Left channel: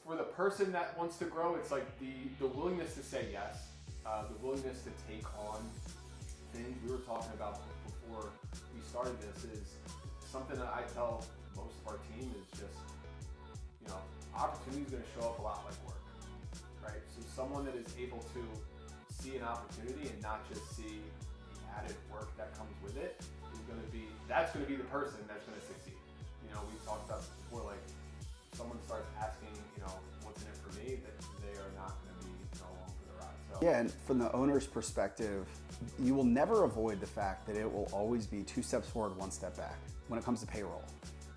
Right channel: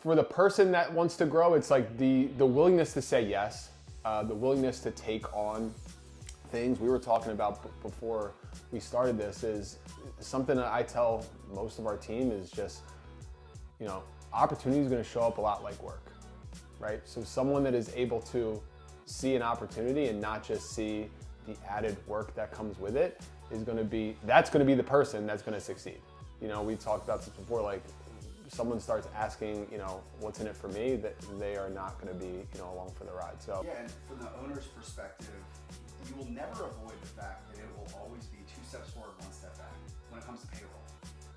for the person that wants to grow, it's like the willingness to say yes, the willingness to take on things. We were talking about before we started this is something that I tell most of our team is just, opportunity is going to show up a lot like work, right? So someone that is able to see an opportunity and not just see the added work that comes with it that's going to be the person that's going to succeed. We talked about this before, like someone starts asking, what's in it for me, that they are not going to be, along for the ride. So yeah, and from the owner's perspective, you will never avoid the fact that it will always be 2 steps forward, 1 step back when it comes to payroll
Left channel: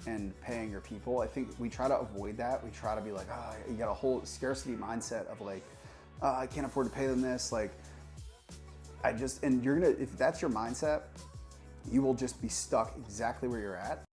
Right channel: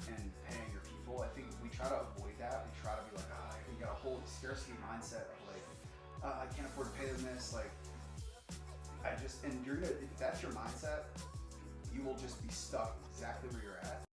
and paying your people. I think we try to avoid that. We try to be like, you got a whole scarcity mindset of like, I can't afford to pay them this. Like, and you're gonna, if that's your mindset, you will just be stuck exactly where you're at.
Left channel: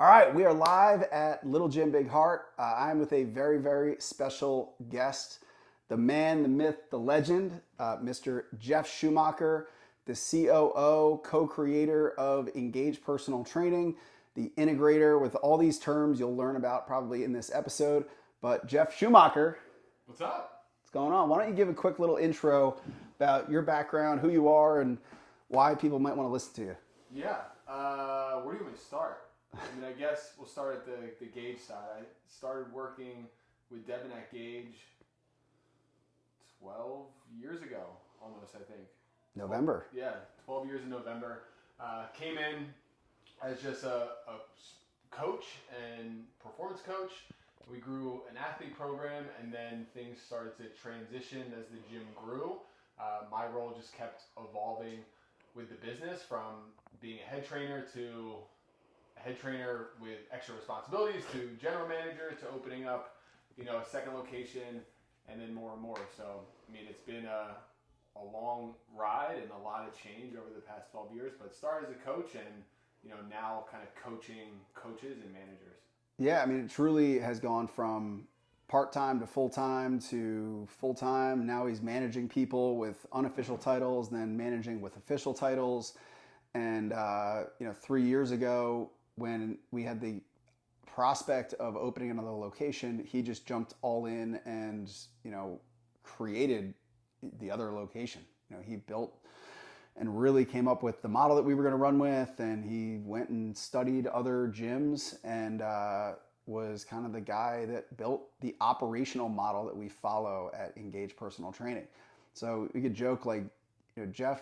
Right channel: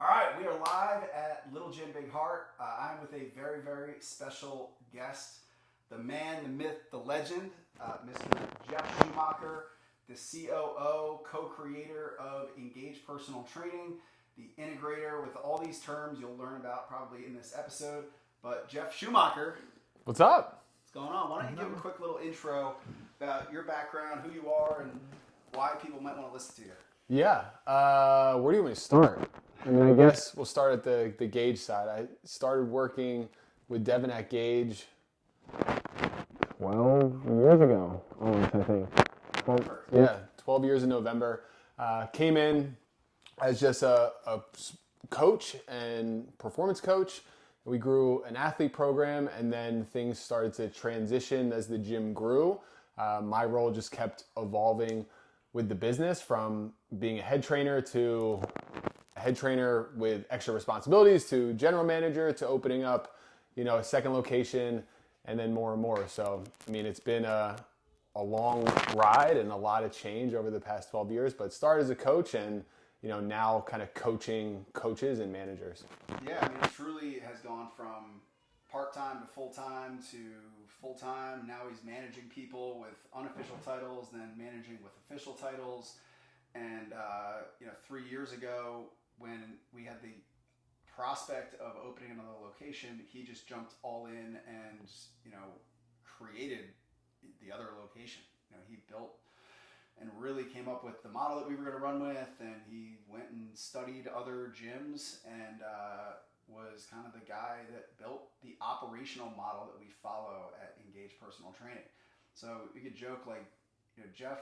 All right, we are live at Little Gym Big Heart. I'm with a very, very special guest, the man, the myth, the legend, Mr. Jeff Schumacher, the COO, co-creator of Engage Personal Training, the integrator with all these terms you'll learn about probably in this episode. But Jeff Schumacher. What's up? What's going on? Why don't you give a quick little intro about your background, who you are, and why people might want to listen to you. Yeah, where do you want me to start? I mean, I guess we'll start at the Gage side. I started working with Devin at Gage 12 years ago, almost, I think. November. Yeah, 12 years in November. Came in as just a coach and performance coach. We grew an athlete program, and then things started to transition as the gym grew. My role just kept evolving with the business, from being a head trainer to a head trainer with extra responsibilities to general manager to opening up, a second location, and then more and more. So, I mean, it's been a long ride and a lot of change over the past 12 years, but started as a coach and, now kind of coaching coaches and managers. Yeah, I mean, it truly has gone from part-time to full-time to full-time. Now he's managing people with unofficial titles, then managing with official titles. And, 3 years ago, when we had the prospect of opening another location, he just jumped all in and, created the other location. He built and really came up with the model that we were going to run with, and he went and studied other gyms and was kind of the guy that built the operational model that we follow at Engage Personal Training. So we could joke like, Jeff,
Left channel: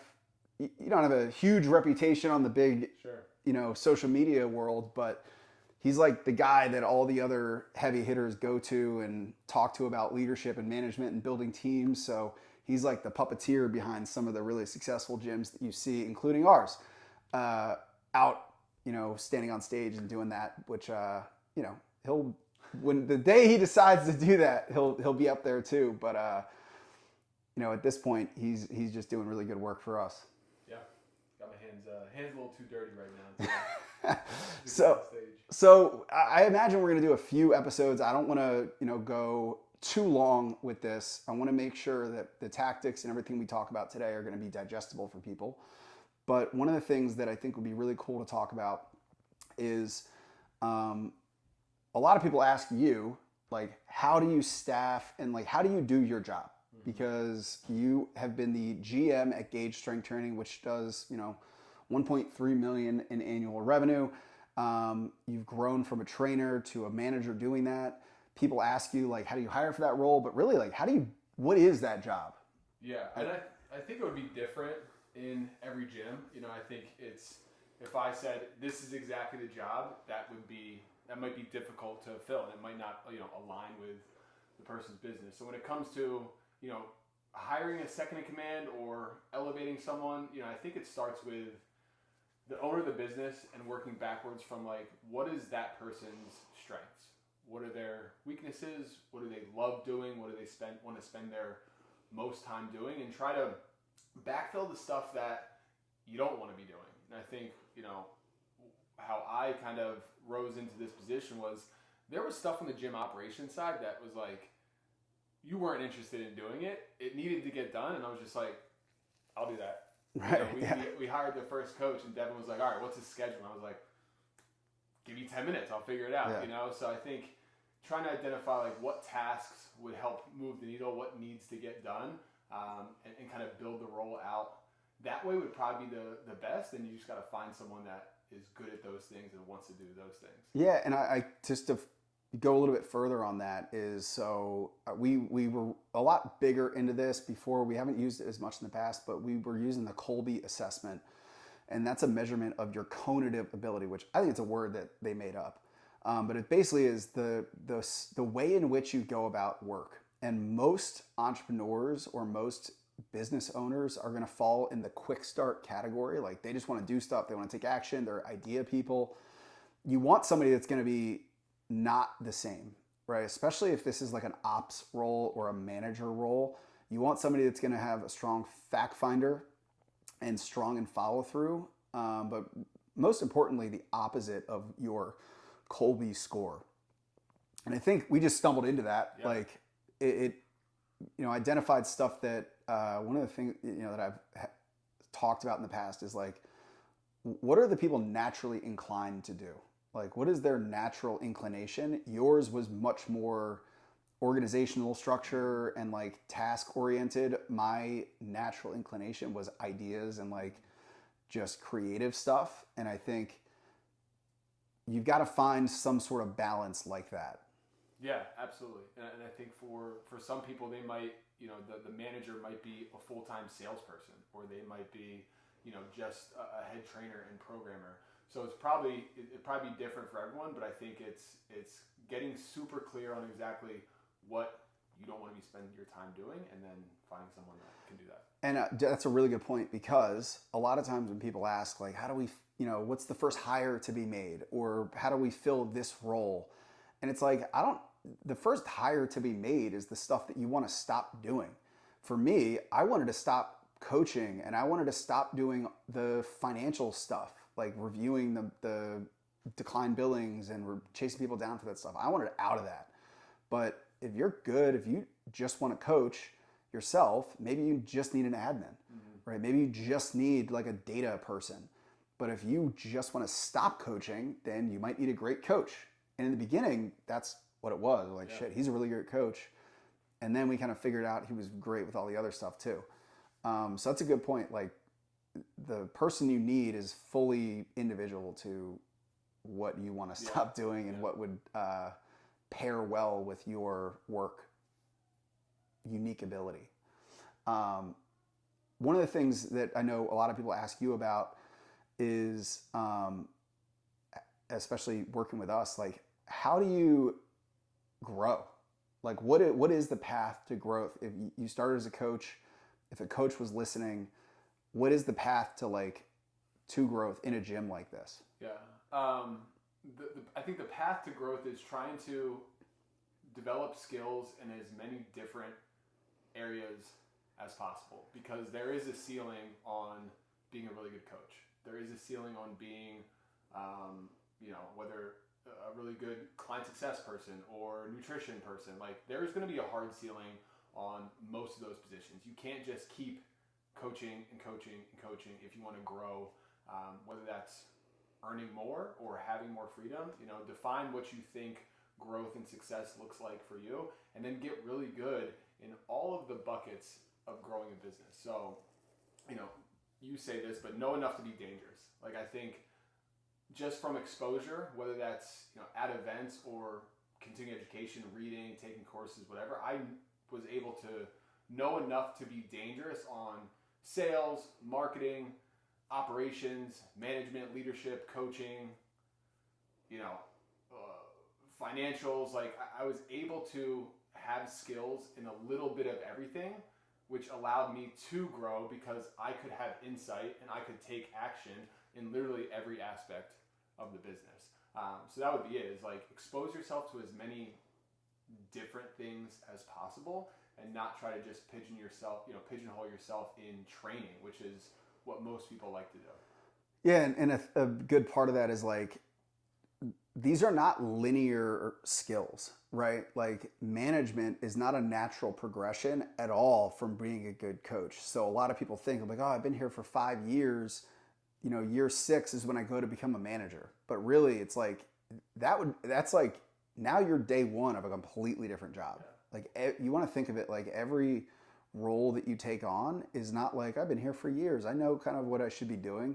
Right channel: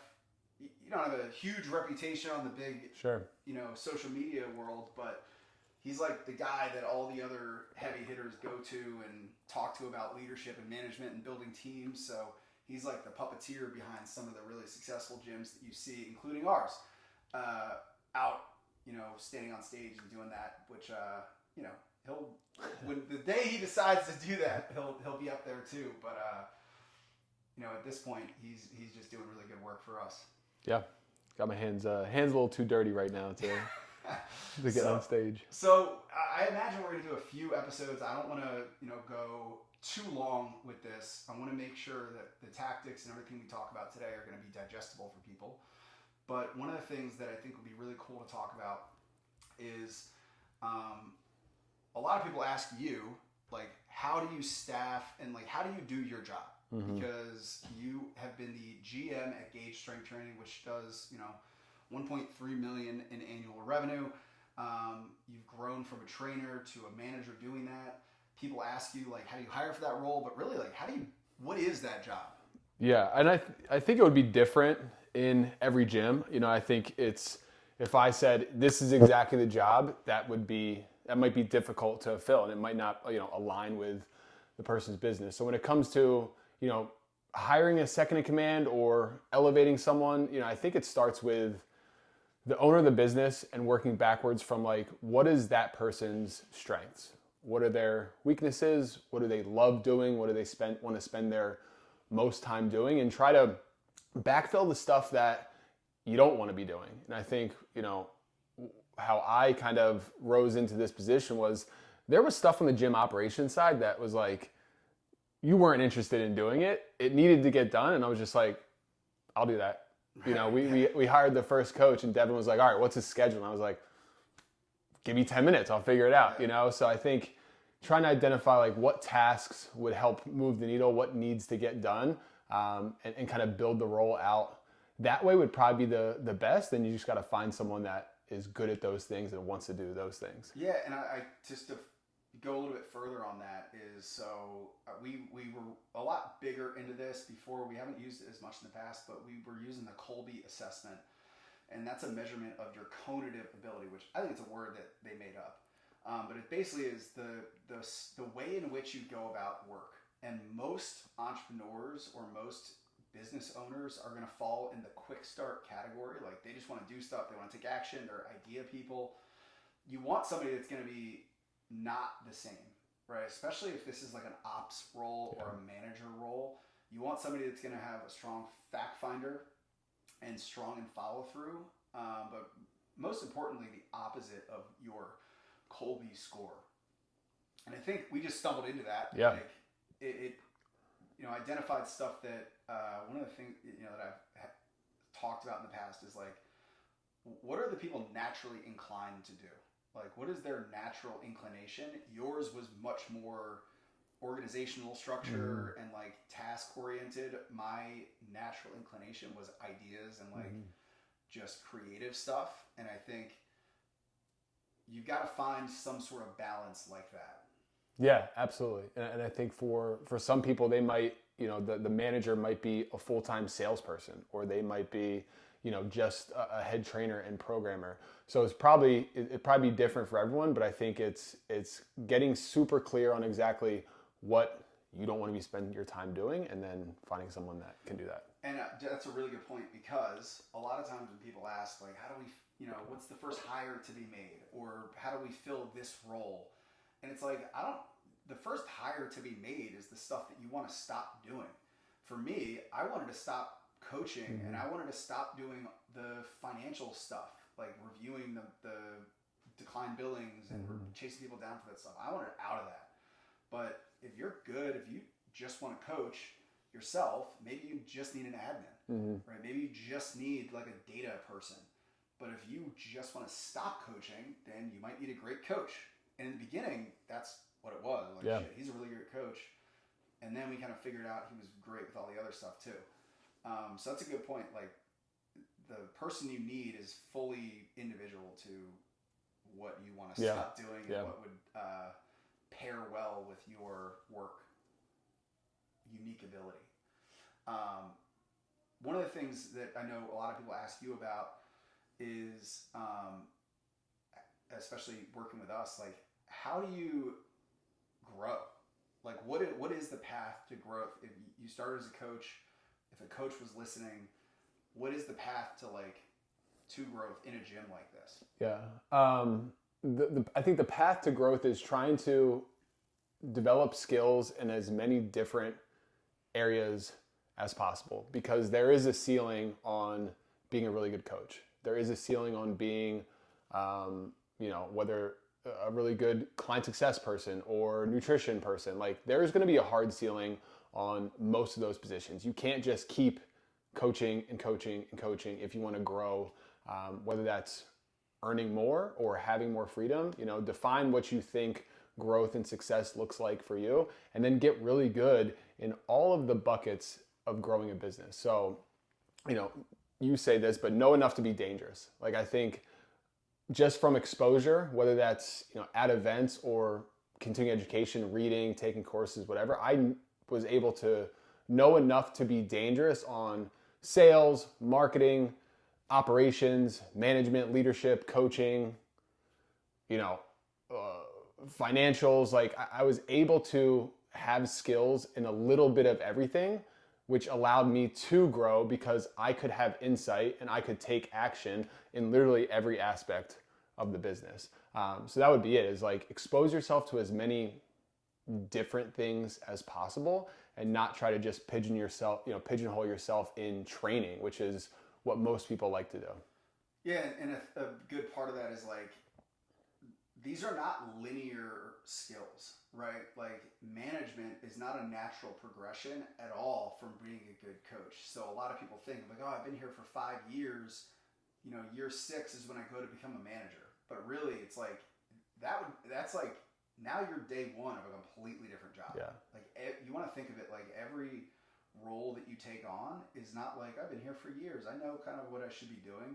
you don't have a huge reputation on the big, sure, social media world, but he's like the guy that all the other heavy hitters go to and talk to about leadership and management and building teams. So he's like the puppeteer behind some of the really successful gyms that you see, including ours, out, standing on stage and doing that, which, he'll, when the day he decides to do that, he'll be up there too. But, at this point, he's just doing really good work for us. Yeah. Got my hands a little too dirty right now to get on stage. So I imagine we're going to do a few episodes. I don't want to, go too long with this. I want to make sure that the tactics and everything we talk about today are going to be digestible for people. But one of the things that I think would be really cool to talk about is a lot of people ask you, like, how do you staff and like, how do you do your job? Mm-hmm. Because you have been the GM at Gage Strength Training, which does, 1.3 million in annual revenue. You've grown from a trainer to a manager doing that. People ask you, like, how do you hire for that role? But really, like, what is that job? Yeah, and I think it would be different in every gym. I think if I said, this is exactly the job, that might be difficult to fill, and it might not, align with the person's business. So when it comes to, hiring a second in command or elevating someone, I think it starts with the owner of the business and working backwards from like, what is that person's strengths? What are their weaknesses? What do they love doing? What do they want to spend their most time doing? And try to backfill the stuff that you don't want to be doing. And I think, how I kind of rose into this position was there was stuff on the gym operations side that was like, you weren't interested in doing it. It needed to get done. And I was just like, I'll do that. You know, we hired the first coach and Devin was like, all right, what's his schedule? And I was like, give me 10 minutes. I'll figure it out, you know? So I think trying to identify like what tasks would help move the needle, what needs to get done, and kind of build the role out that way would probably be the best. And you just got to find someone that is good at those things and wants to do those things. Yeah. And I just to go a little bit further on that is, so we were a lot bigger into this before. We haven't used it as much in the past, but we were using the Kolbe assessment. And that's a measurement of your cognitive ability, which I think it's a word that they made up. But it basically is the way in which you go about work. And most entrepreneurs or most business owners are going to fall in the quick start category. Like they just want to do stuff. They want to take action. They're idea people. You want somebody that's going to be not the same, right? Especially if this is like an ops role or a manager role. You want somebody that's going to have a strong fact finder and strong in follow through, but most importantly, the opposite of your Kolbe score. And I think we just stumbled into that. Yeah. Like it identified stuff that one of the things that I've talked about in the past is like, what are the people naturally inclined to do? Like, what is their natural inclination? Yours was much more organizational structure and like task oriented. My natural inclination was ideas and like just creative stuff. And I think you've got to find some sort of balance like that. Yeah, absolutely. And I think for some people, they might, the manager might be a full-time salesperson, or they might be, just a head trainer and programmer. So it'd probably be different for everyone, but I think it's getting super clear on exactly what you don't want to be spending your time doing, and then finding someone that can do that. And that's a really good point, because a lot of times when people ask, like, how do we, what's the first hire to be made, or how do we fill this role? And it's like, the first hire to be made is the stuff that you want to stop doing. For me, I wanted to stop coaching and I wanted to stop doing the financial stuff, like reviewing the decline billings and chasing people down for that stuff. I wanted out of that. But if you're good, if you just want to coach yourself, maybe you just need an admin, right? Maybe you just need like a data person. But if you just want to stop coaching, then you might need a great coach. And in the beginning, that's what it was. Like, shit, he's a really great coach. And then we kind of figured out he was great with all the other stuff too. So that's a good point. Like, the person you need is fully individual to what you want to stop doing and what would pair well with your work unique ability. One of the things that I know a lot of people ask you about is, especially working with us, like, how do you grow? Like, what is the path to growth? If you started as a coach, if a coach was listening, what is the path to growth in a gym like this? Yeah. I think the path to growth is trying to develop skills in as many different areas as possible, because there is a ceiling on being a really good coach. There is a ceiling on being, whether a really good client success person or nutrition person. Like, there's going to be a hard ceiling on most of those positions. You can't just keep coaching and coaching and coaching if you want to grow, whether that's earning more or having more freedom. Define what you think growth and success looks like for you, and then get really good in all of the buckets of growing a business. So, you say this, but know enough to be dangerous. Like, I think just from exposure, whether that's, at events or continuing education, reading, taking courses, whatever, I was able to know enough to be dangerous on sales, marketing, operations, management, leadership, coaching, financials. Like, I was able to have skills in a little bit of everything, which allowed me to grow because I could have insight and I could take action in literally every aspect of the business. So that would be it, is like, expose yourself to as many different things as possible and not try to just pigeonhole yourself in training, which is what most people like to do. Yeah. And a good part of that is like, these are not linear skills, right? Like management is not a natural progression at all from being a good coach. So a lot of people think like, oh, I've been here for 5 years. Year 6 is when I go to become a manager. But really, it's like that's like now you're day 1 of a completely different job. Yeah. Like you want to think of it like every role that you take on is not like I've been here for years. I know kind of what I should be doing.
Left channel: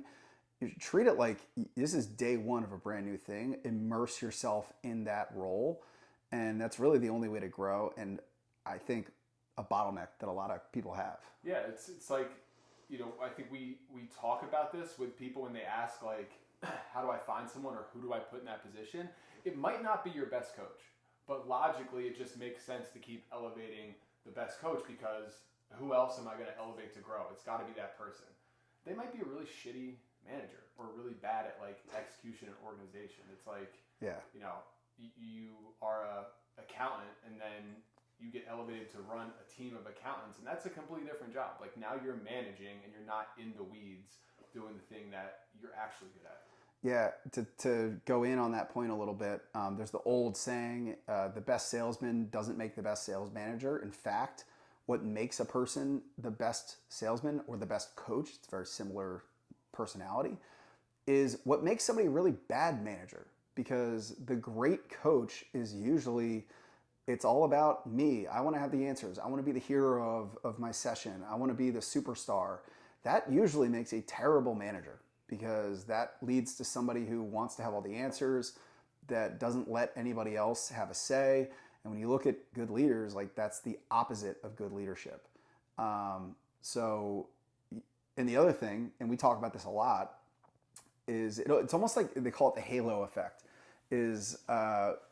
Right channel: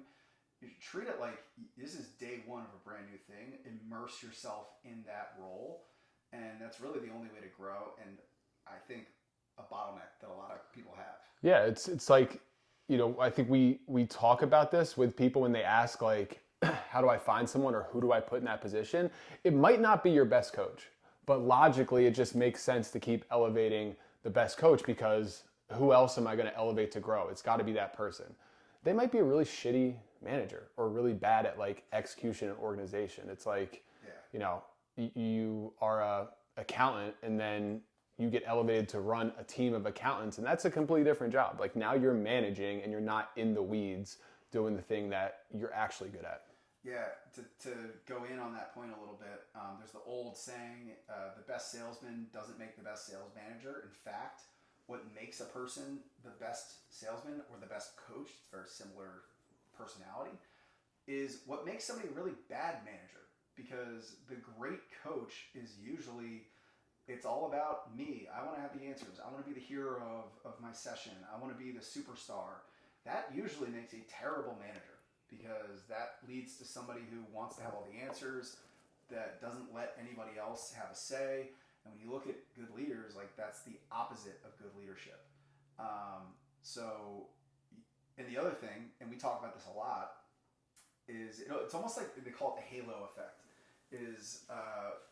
You should treat it like this is day 1 of a brand new thing. Immerse yourself in that role, and that's really the only way to grow. And I think a bottleneck that a lot of people have. Yeah, it's like, I think we talk about this with people when they ask like, how do I find someone or who do I put in that position? It might not be your best coach, but logically it just makes sense to keep elevating the best coach, because who else am I going to elevate to grow? It's got to be that person. They might be a really shitty manager or really bad at like execution and organization. It's like, you are a accountant and then you get elevated to run a team of accountants, and that's a completely different job. Like now you're managing and you're not in the weeds doing the thing that you're actually good at. Yeah, to go in on that point a little bit, there's the old saying, the best salesman doesn't make the best sales manager. In fact, what makes a person the best salesman or the best coach, it's a very similar personality, is what makes somebody a really bad manager. Because the great coach is usually, it's all about me. I want to have the answers. I want to be the hero of my session. I want to be the superstar. That usually makes a terrible manager, because that leads to somebody who wants to have all the answers, that doesn't let anybody else have a say. And when you look at good leaders, like that's the opposite of good leadership. And the other thing, and we talk about this a lot, is it's almost like they call it the halo effect. Is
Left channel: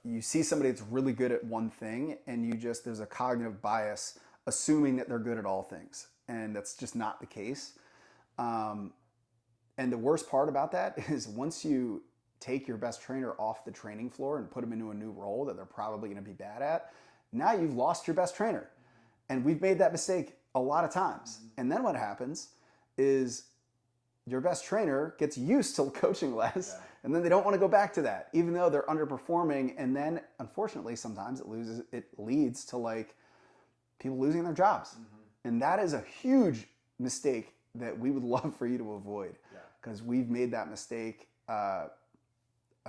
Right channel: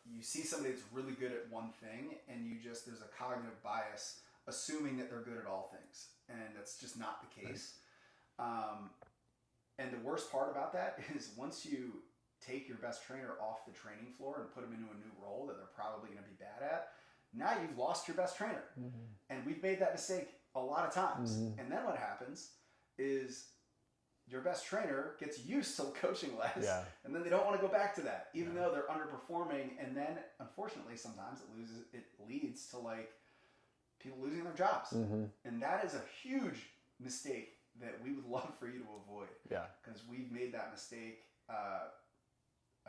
you see somebody that's really good at one thing, and there's a cognitive bias assuming that they're good at all things, and that's just not the case. And the worst part about that is once you take your best trainer off the training floor and put them into a new role that they're probably going to be bad at, now you've lost your best trainer. Mm-hmm. And we've made that mistake a lot of times. Mm-hmm. And then what happens is your best trainer gets used to coaching less, and then they don't want to go back to that, even though they're underperforming. And then unfortunately, sometimes it leads to like people losing their jobs. Mm-hmm. And that is a huge mistake that we would love for you to avoid. Yeah. Because we've made that mistake a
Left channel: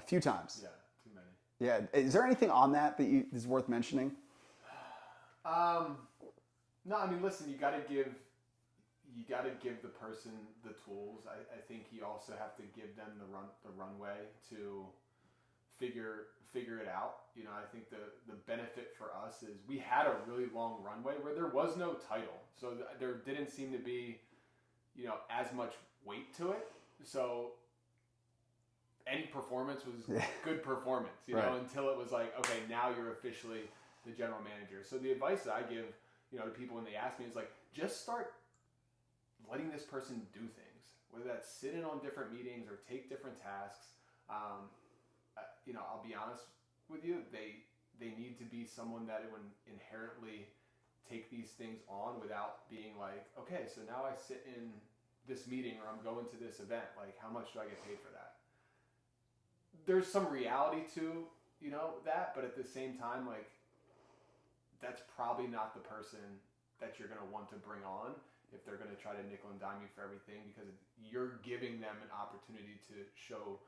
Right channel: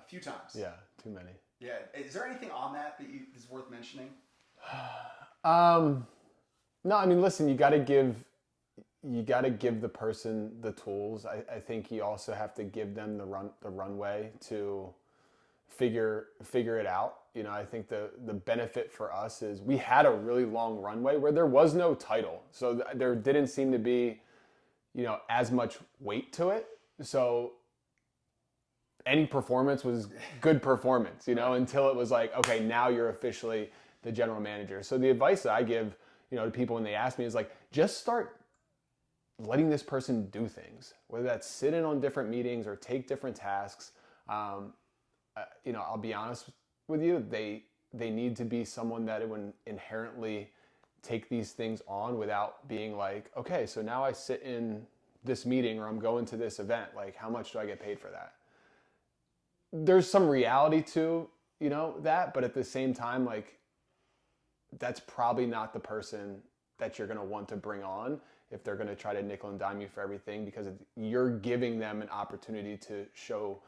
few times. Yeah, too many. Yeah. Is there anything on that is worth mentioning? No, I mean, listen, you got to give the person the tools. I think you also have to give them the runway to figure it out. I think the benefit for us is we had a really long runway where there was no title. So there didn't seem to be, as much weight to it. So any performance was good performance, right. Until it was like, okay, now you're officially the general manager. So the advice that I give, to people when they ask me is like, just start letting this person do things, whether that's sit in on different meetings or take different tasks. I'll be honest with you, they need to be someone that would inherently take these things on without being like, okay, so now I sit in this meeting or I'm going to this event, like how much do I get paid for that? There's some reality to, that, but at the same time, like that's probably not the person that you're going to want to bring on if they're going to try to nickel and dime you for everything, because you're giving them an opportunity to show,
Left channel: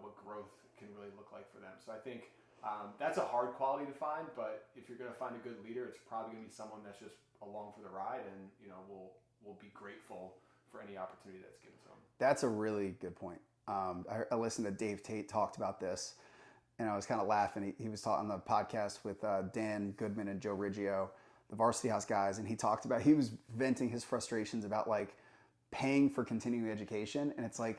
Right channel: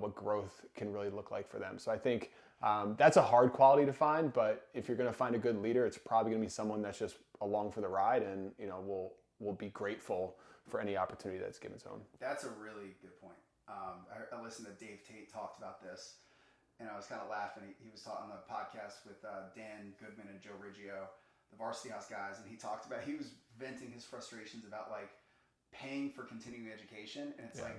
what growth can really look like for them. So I think that's a hard quality to find, but if you're going to find a good leader, it's probably going to be someone that's just along for the ride and, will be grateful for any opportunity that's given to them. That's a really good point. I listened to Dave Tate talked about this, and I was kind of laughing. He was talking on the podcast with Dan Goodman and Joe Riggio, the Varsity House guys, and he was venting his frustrations about like paying for continuing education, and it's like,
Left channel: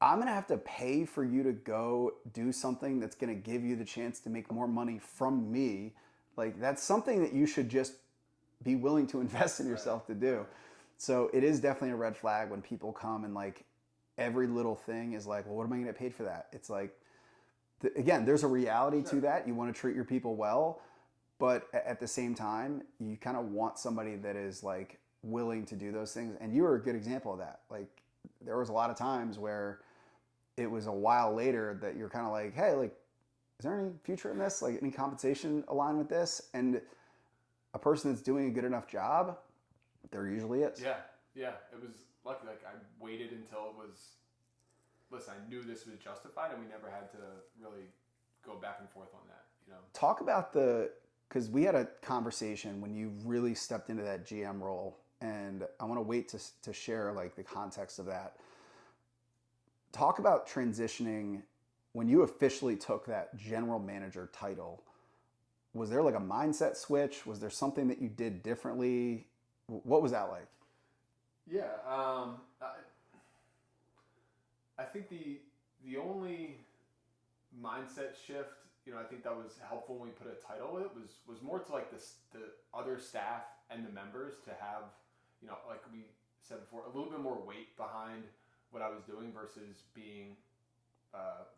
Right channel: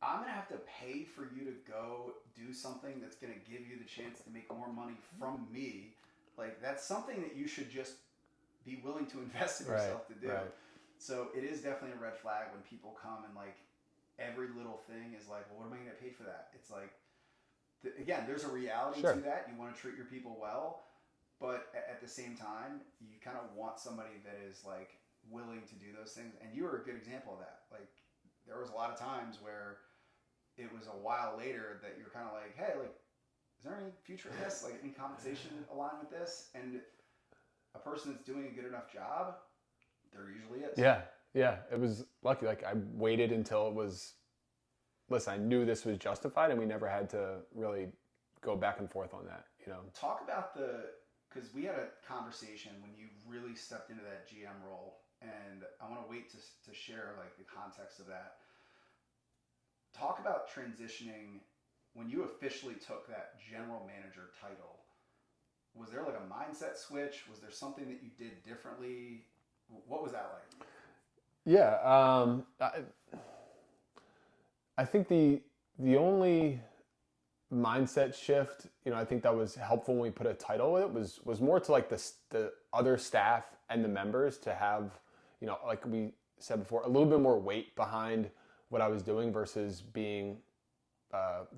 I'm gonna have to pay for you to go do something that's gonna give you the chance to make more money from me. Like that's something that you should just be willing to invest in yourself to do. Right. So it is definitely a red flag when people come and like every little thing is like, well, what am I gonna get paid for that? It's like, again, there's a reality to that. You want to treat your people well, but at the same time, you kind of want somebody that is like willing to do those things. And you were a good example of that. Like there was a lot of times where it was a while later that you're kind of like, hey, like, is there any future in this? Like, any compensation aligned with this? And a person that's doing a good enough job, there usually is. Yeah. It was lucky. Like, I waited until it was, listen, I knew this was justified, and we never had to really go back and forth on that, you know. Talk about because we had a conversation when you really stepped into that GM role, and I want to wait to share like the context of that. Talk about transitioning when you officially took that general manager title. Was there like a mindset switch? Was there something that you did differently? What was that like? Yeah, I think the only mindset shift, you know, I think that was helpful when we put a title with it was more to like the other staff and the members to have, you know, like we said before, a little bit more weight behind what I was doing versus being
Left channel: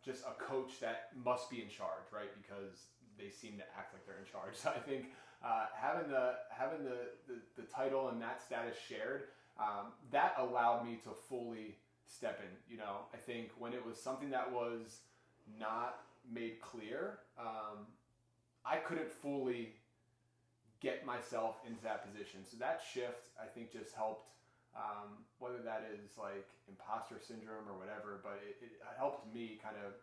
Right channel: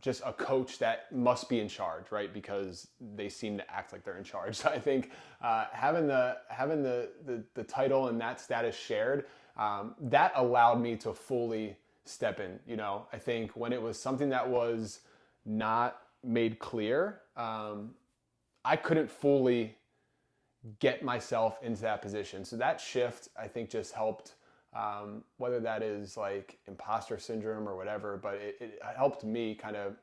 just a coach that must be in charge, right? Because they seem to act like they're in charge. So I think having the title and that status shared, that allowed me to fully step in. You know, I think when it was something that was not made clear, I couldn't fully get myself into that position. So that shift, I think, just helped. Whether that is like imposter syndrome or whatever, but it helped me kind of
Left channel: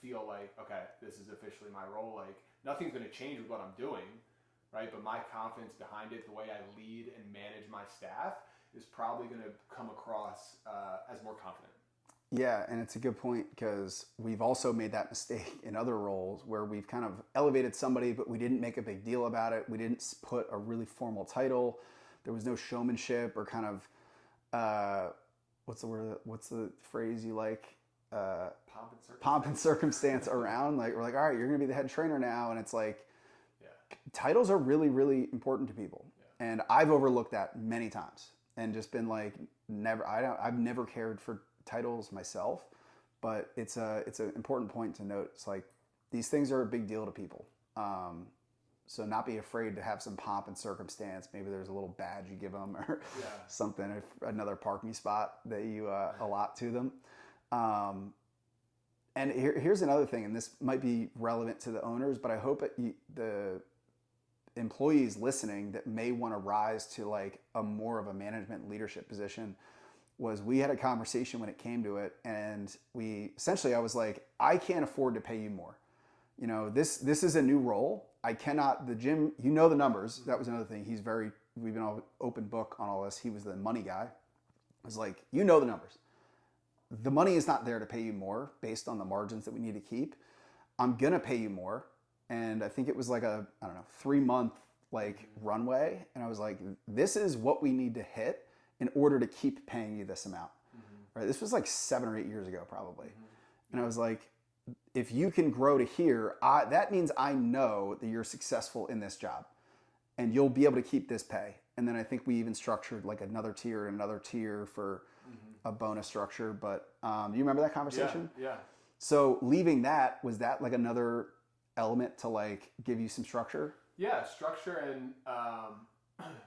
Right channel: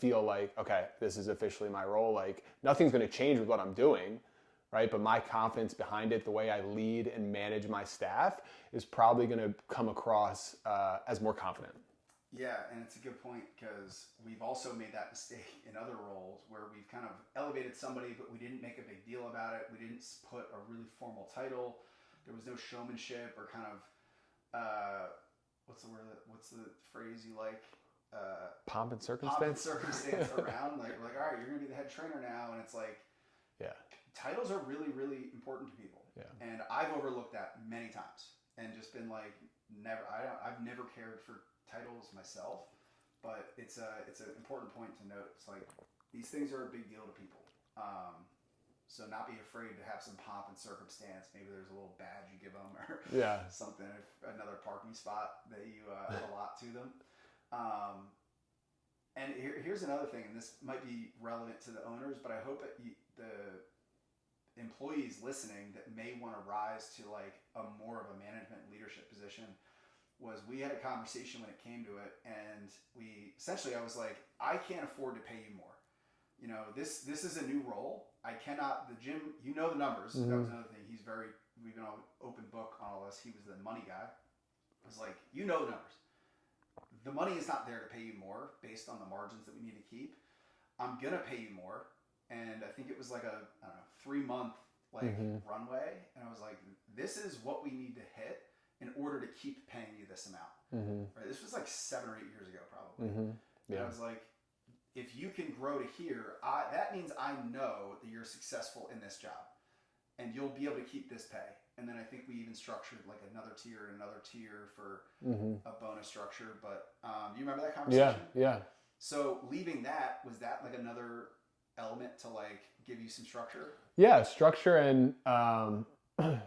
feel like, okay, this is officially my role. Like, nothing's going to change with what I'm doing, right? But my confidence behind it, the way I lead and manage my staff, is probably going to come across as more confident. Yeah, and it's a good point because we've also made that mistake in other roles where we've kind of elevated somebody, but we didn't make a big deal about it. We didn't put a really formal title. There was no showmanship or kind of, what's the word? What's the phrase you like? Pomp and circumstance. Pomp and circumstance around. Like, we're like, all right, you're going to be the head trainer now. And it's like, yeah, titles are really, really important to people. Yeah. And I've overlooked that many times and just been like, I've never cared for titles myself, but it's an important point to note. It's like, these things are a big deal to people. So not be afraid to have some pomp and circumstance. Maybe there's a little badge you give them or something, another parking spot that you allot to them. And here's another thing, and this might be relevant to the owners, but I hope the employees listening that may want to rise to like a more of a management leadership position was we had a conversation when it came to it, and I was like, I can't afford to pay you more. You know, this is a new role. I cannot, the gym, you know the numbers. Mm-hmm. That was another thing. We've been an open book on all this. He was the money guy. I was like, you know the numbers. The money is not there to pay you more based on the margins that we need to keep. I'm going to pay you more. And I think it was like a, 3-month runway. And I was like, this is what we need to hit in order to keep paying you this amount. Mm-hmm. Right? This was like 7 or 8 years ago, probably. Mm-hmm. Yeah. And I was like, if you can grow to here, that means I know that you're successful in this job and you'll be able to keep this pay. And then I think we even structured like another tier for a bonus structure. But do you remember that conversation? Yeah. So leaving that, was that like another element to like give you some structure? Yeah, structure and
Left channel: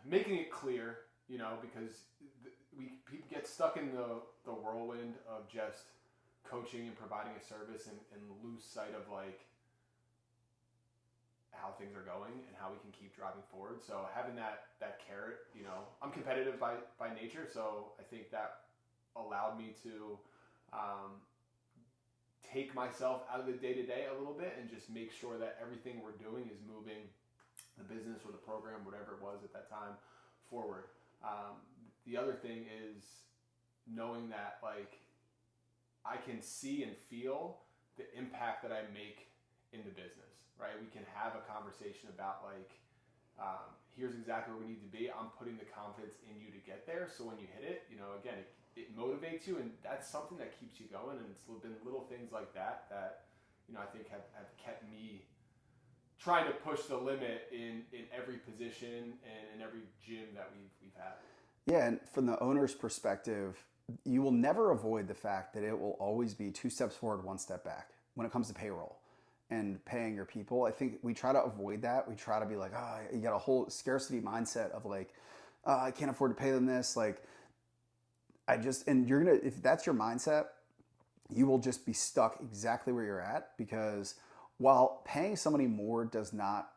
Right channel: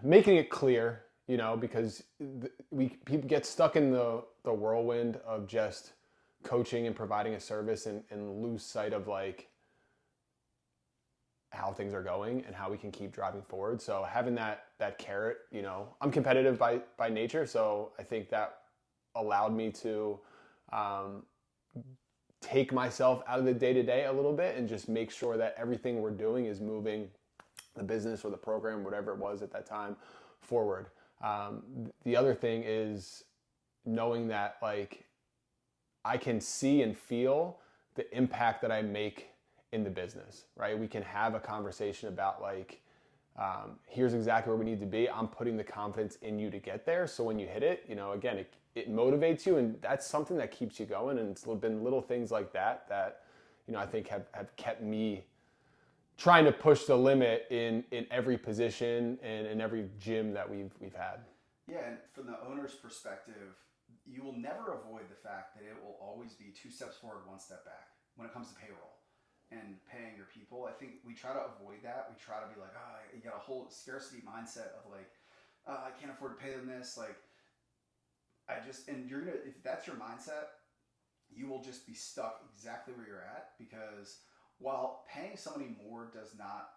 making it clear, you know, because people get stuck in the whirlwind of just coaching and providing a service and lose sight of like how things are going and how we can keep driving forward. So having that carrot, you know, I'm competitive by nature. So I think that allowed me to take myself out of the day-to-day a little bit and just make sure that everything we're doing is moving the business or the program, whatever it was at that time, forward. The other thing is knowing that like I can see and feel the impact that I make in the business, right? We can have a conversation about like, here's exactly where we need to be. I'm putting the confidence in you to get there. So when you hit it, you know, again, it motivates you, and that's something that keeps you going. And it's been little things like that, you know, I think have kept me trying to push the limit in every position and in every gym that we've had. Yeah, and from the owner's perspective, you will never avoid the fact that it will always be 2 steps forward, 1 step back when it comes to payroll and paying your people. I think we try to avoid that. We try to be like, you got a whole scarcity mindset of like, I can't afford to pay them this. Like, and you're going to, if that's your mindset, you will just be stuck exactly where you're at, because while paying somebody more does not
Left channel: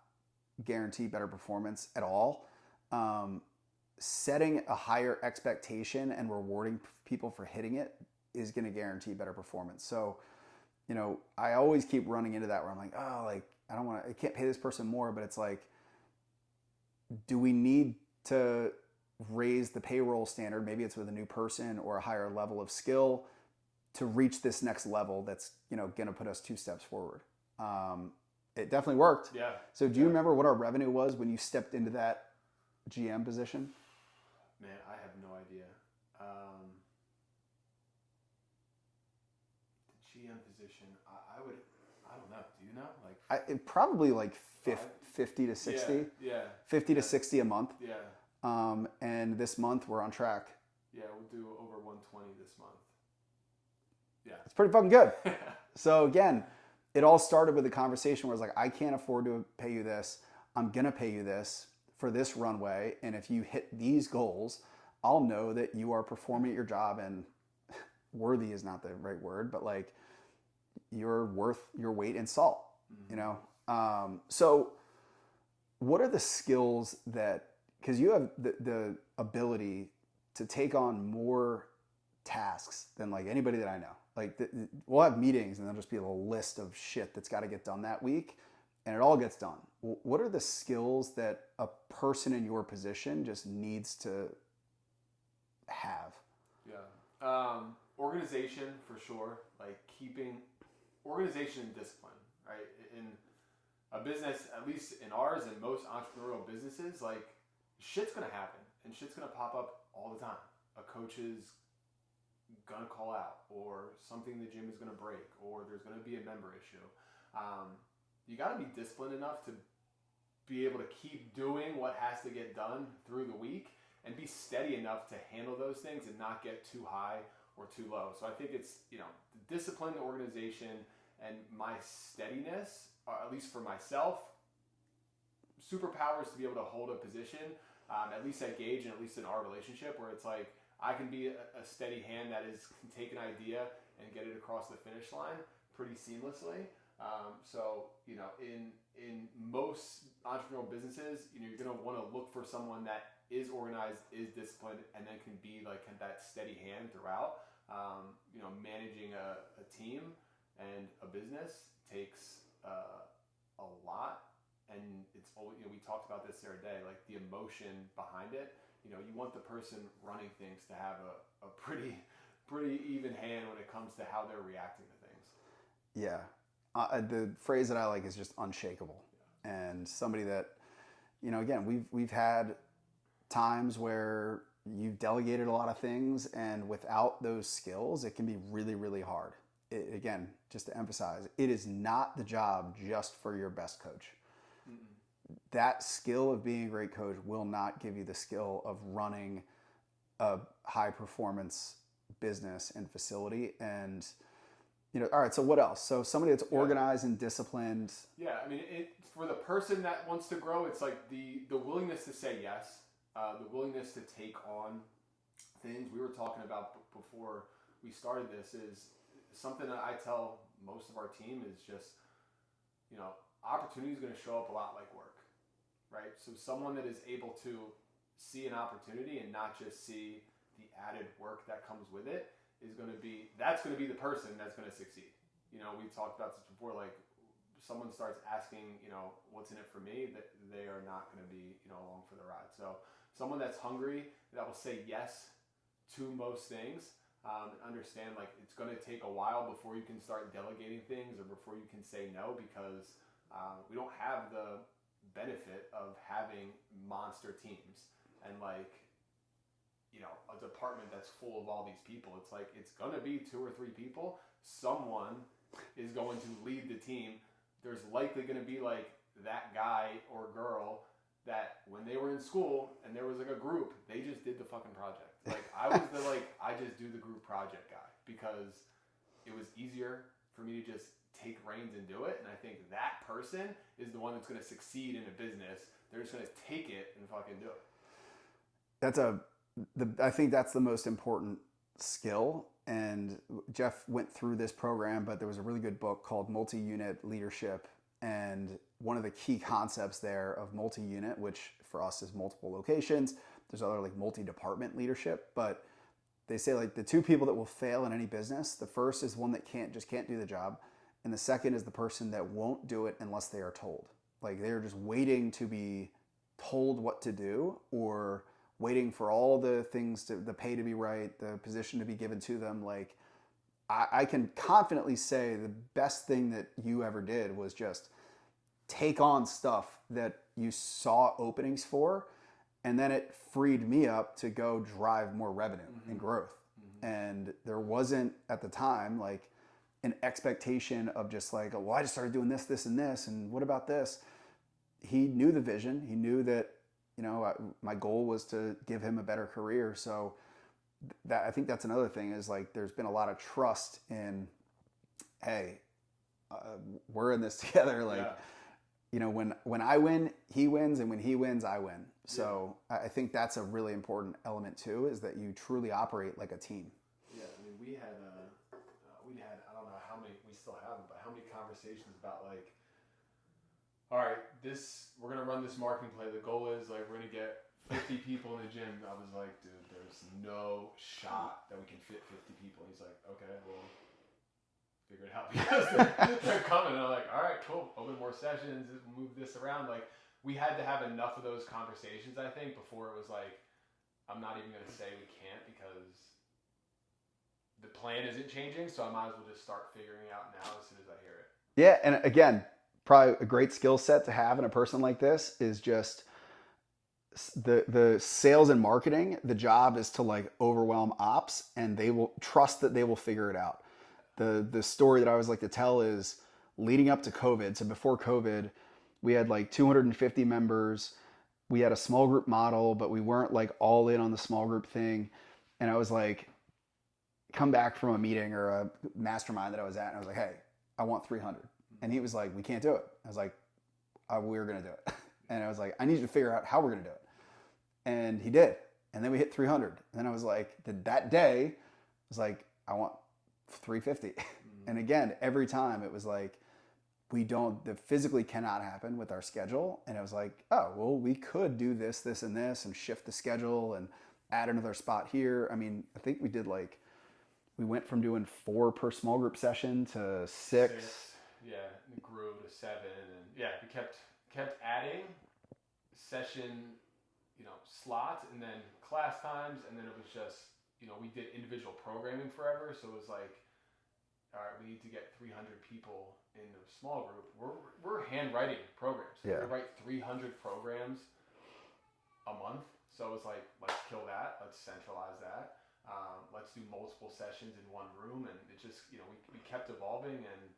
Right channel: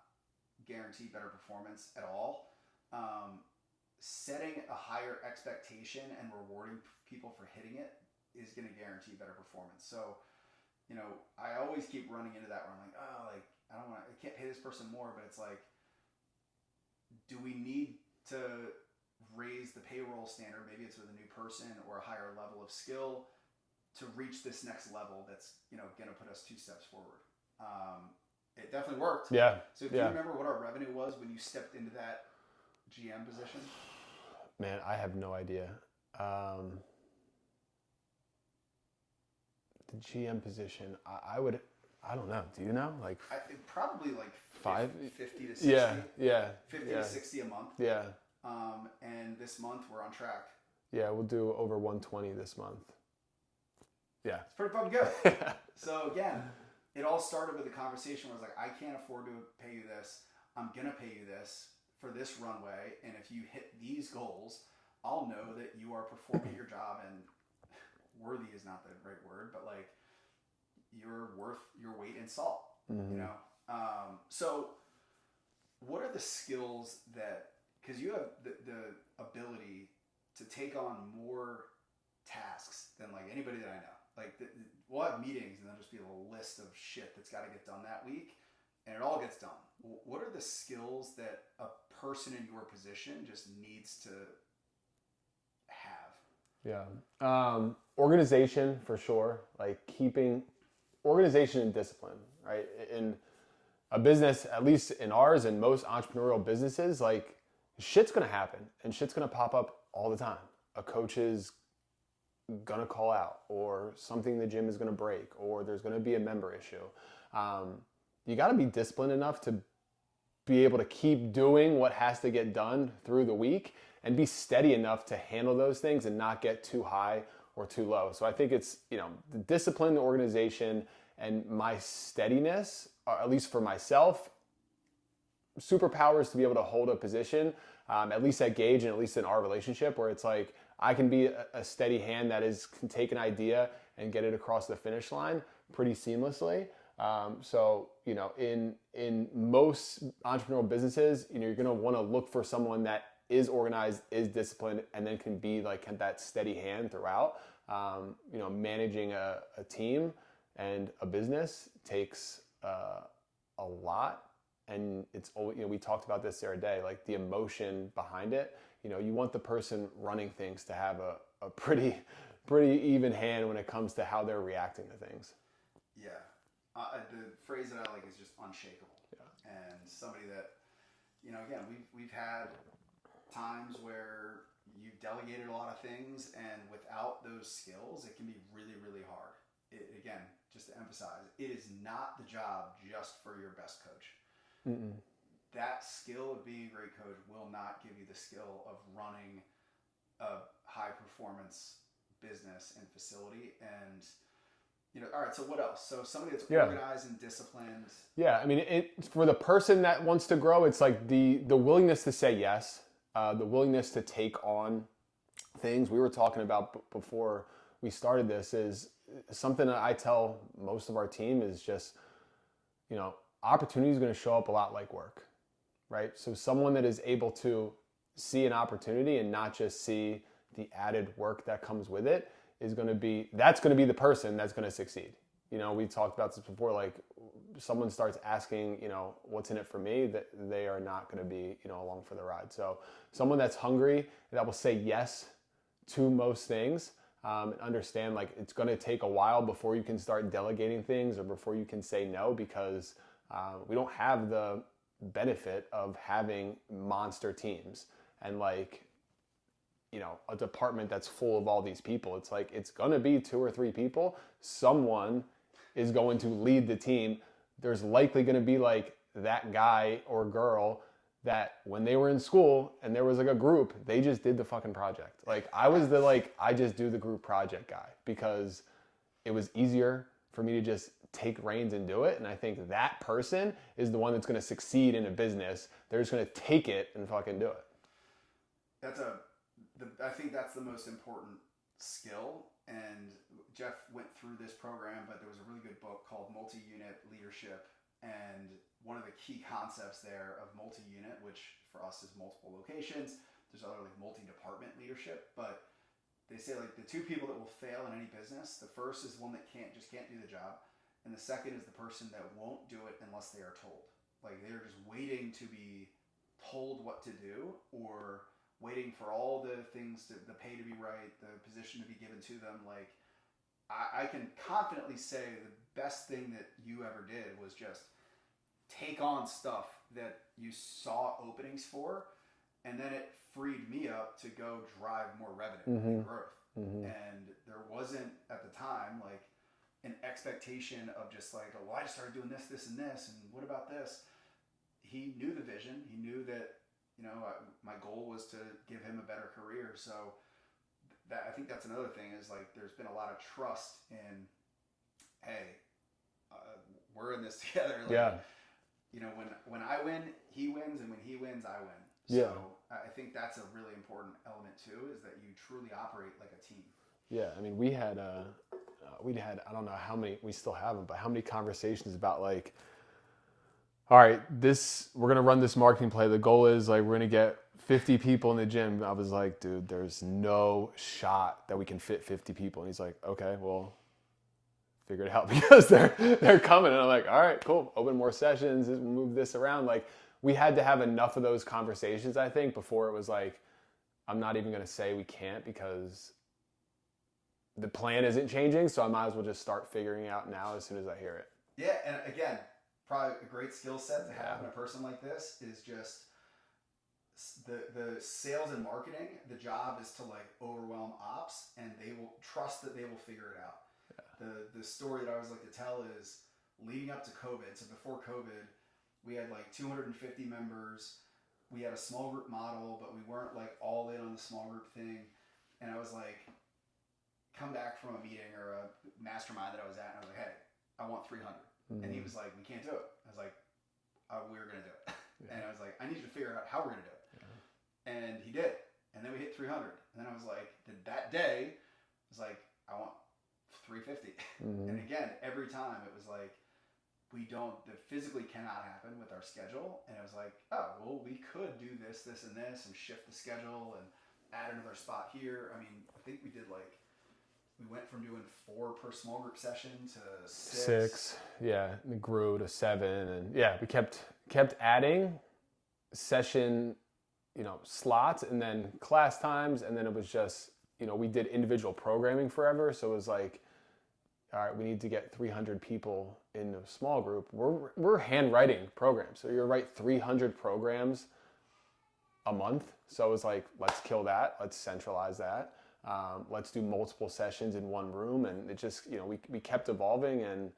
guarantee better performance at all, setting a higher expectation and rewarding people for hitting it is going to guarantee better performance. So, I always keep running into that where I'm like, oh, like, I can't pay this person more, but it's like, do we need to raise the payroll standard? Maybe it's with a new person or a higher level of skill to reach this next level that's, going to put us 2 steps forward. It definitely worked. Yeah. So do you remember what our revenue was when you stepped into that GM position? Man, I have no idea. The GM position, I don't know. Do you know? Like probably like 50 to 60. Yeah. 50 to 60 a month. Yeah. And this month we're on track. Yeah, we'll do over 120 this month. Yeah. It's pretty fucking good. So again, it all started with a conversation where it's like, I can't afford to pay you this. I'm going to pay you this for this runway. And if you hit these goals, I'll know that you are performing at your job, and worthy is not the right word, but like you're worth your weight in salt, So what are the skills that, because you have the ability to take on more tasks than like anybody that I know. Like we'll have meetings and there'll just be a little list of shit that's got to get done that week, and it all gets done. What are the skills that a person in your position just needs to have? Yeah. Organization for sure. Like keeping organization and discipline, right? In a business, at least in ours and most entrepreneurial businesses, like shit's going to happen and shit's going to pop up all the time. A coach is gonna call out, or something in the gym is gonna break, or there's gonna be a member issue. You gotta be disciplined enough to be able to keep doing what has to get done through the week, and be steady enough to handle those things and not get too high or too low. So I think it's, the discipline, the organization, and my steadiness, at least for myself, superpowers to be able to hold a position, at least at Gage and at least in our relationship, where it's like, I can be a steady hand that can take an idea and get it across the finish line pretty seamlessly. So, in most entrepreneurial businesses, you're going to want to look for someone that is organized, is disciplined, and then can be like that steady hand throughout. Managing a team and a business takes a lot. And it's, we talked about this the other day, like the emotion behind it. You want the person running things to have a pretty even hand when it comes to how they're reacting to things. Yeah. The phrase that I like is just unshakable. Yeah. And somebody that, again, we've had times where you've delegated a lot of things, and without those skills, it can be really, really hard. Again, just to emphasize, it is not the job just for your best coach. Mm-mm. That skill of being a great coach will not give you the skill of running a high performance business and facility. And, all right, so what else? So somebody that's organized and disciplined. Yeah. I mean, for the person that wants to grow, it's like the willingness to say yes, the willingness to take on things. We were talking about before we started this is something that I tell most of our team is just, opportunity is going to show up a lot like work, right? So someone that is able to see an opportunity and not just see the added work that comes with it that's going to be the person that's going to succeed. We talked about this before, like someone starts asking, what's in it for me, that they are not going to be, along for the ride. So someone that's hungry, that will say yes to most things, and understand like it's going to take a while before you can start delegating things or before you can say no, because we don't have the benefit of having monster teams and a department that's full of all these people. It's like, it's going to be 2 or 3 people. Someone is going to lead the team. There's likely going to be like that guy or girl that when they were in school and there was like a group, they just did the fucking project. Like I was I just do the group project guy because it was easier for me to just take reins and do it. And I think that person is the one that's going to succeed in a business. They're just going to take it and fucking do it. I think that's the most important skill. And Jeff went through this program, but there was a really good book called Multi-Unit Leadership. And one of the key concepts there of multi-unit, which for us is multiple locations, there's other like multi-department leadership, but they say like the two people that will fail in any business, the first is one that can't do the job. And the second is the person that won't do it unless they are told. Like they're just waiting to be told what to do, or waiting for all the things the pay to be right, the position to be given to them. Like I can confidently say the best thing that you ever did was just take on stuff that you saw openings for, and then it freed me up to go drive more revenue and growth. And there wasn't at the time like an expectation of just like, oh, well, I just started doing this, this, and this, and what about this? He knew the vision. He knew that, you know, my goal was to give him a better career. So that, I think that's another thing, is like there's been a lot of trust in, hey, we're in this together. Like, you know, when I win, he wins, and when he wins, I win. So I think that's a really important element too, is that you truly operate like a team. Yeah, I mean, we had I don't know how many, we still have them, but how many conversations about like, all right, we're gonna run this marketing play. The goal is like we're gonna get 50 people in the gym. I was like, dude, there's no shot that we can fit 50 people. And he's like, okay, well, figure it out, because they're coming. And I'm like, all right, cool. Open more sessions, move this around. Like we had to have enough of those conversations, I think, before it was like, I'm not even gonna say we can't, because the plan isn't changing. So I might as well just start figuring out now as soon as I hear it. Yeah, and again, probably a great skill set to have in a person like this is just the sales and marketing. The job is to like overwhelm ops, and they will trust that they will figure it out. The story that I always like to tell is leading up to COVID. So before COVID, we had like 250 members. We had a small group model, but we weren't like all in on the small group thing. And I was like, come back from a meeting or a mastermind that I was at, and I was like, hey, I want 300. And he was like, we can't do it. I was like, we're going to do it. And I was like, I need you to figure out how we're going to do it. And he did. And then we hit 300. And then I was like, that day, I was like, I want 350. And again, every time it was like, that physically cannot happen with our schedule. And I was like, oh, well, we could do this, this, and this, and shift the schedule and add another spot here. I mean, I think we went from doing 4 per small group session to 6. Yeah, it grew to 7, and yeah, we kept adding session, you know, slots, and then class times, and then it was just, you know, we did individual programming forever, so it was like, all right, we need to get 300 people in a small group. We're handwriting programs, so we would write 300 programs a month. So it was like, let's kill that, let's centralize that. Let's do multiple sessions in one room, and it just, you know, we kept evolving. And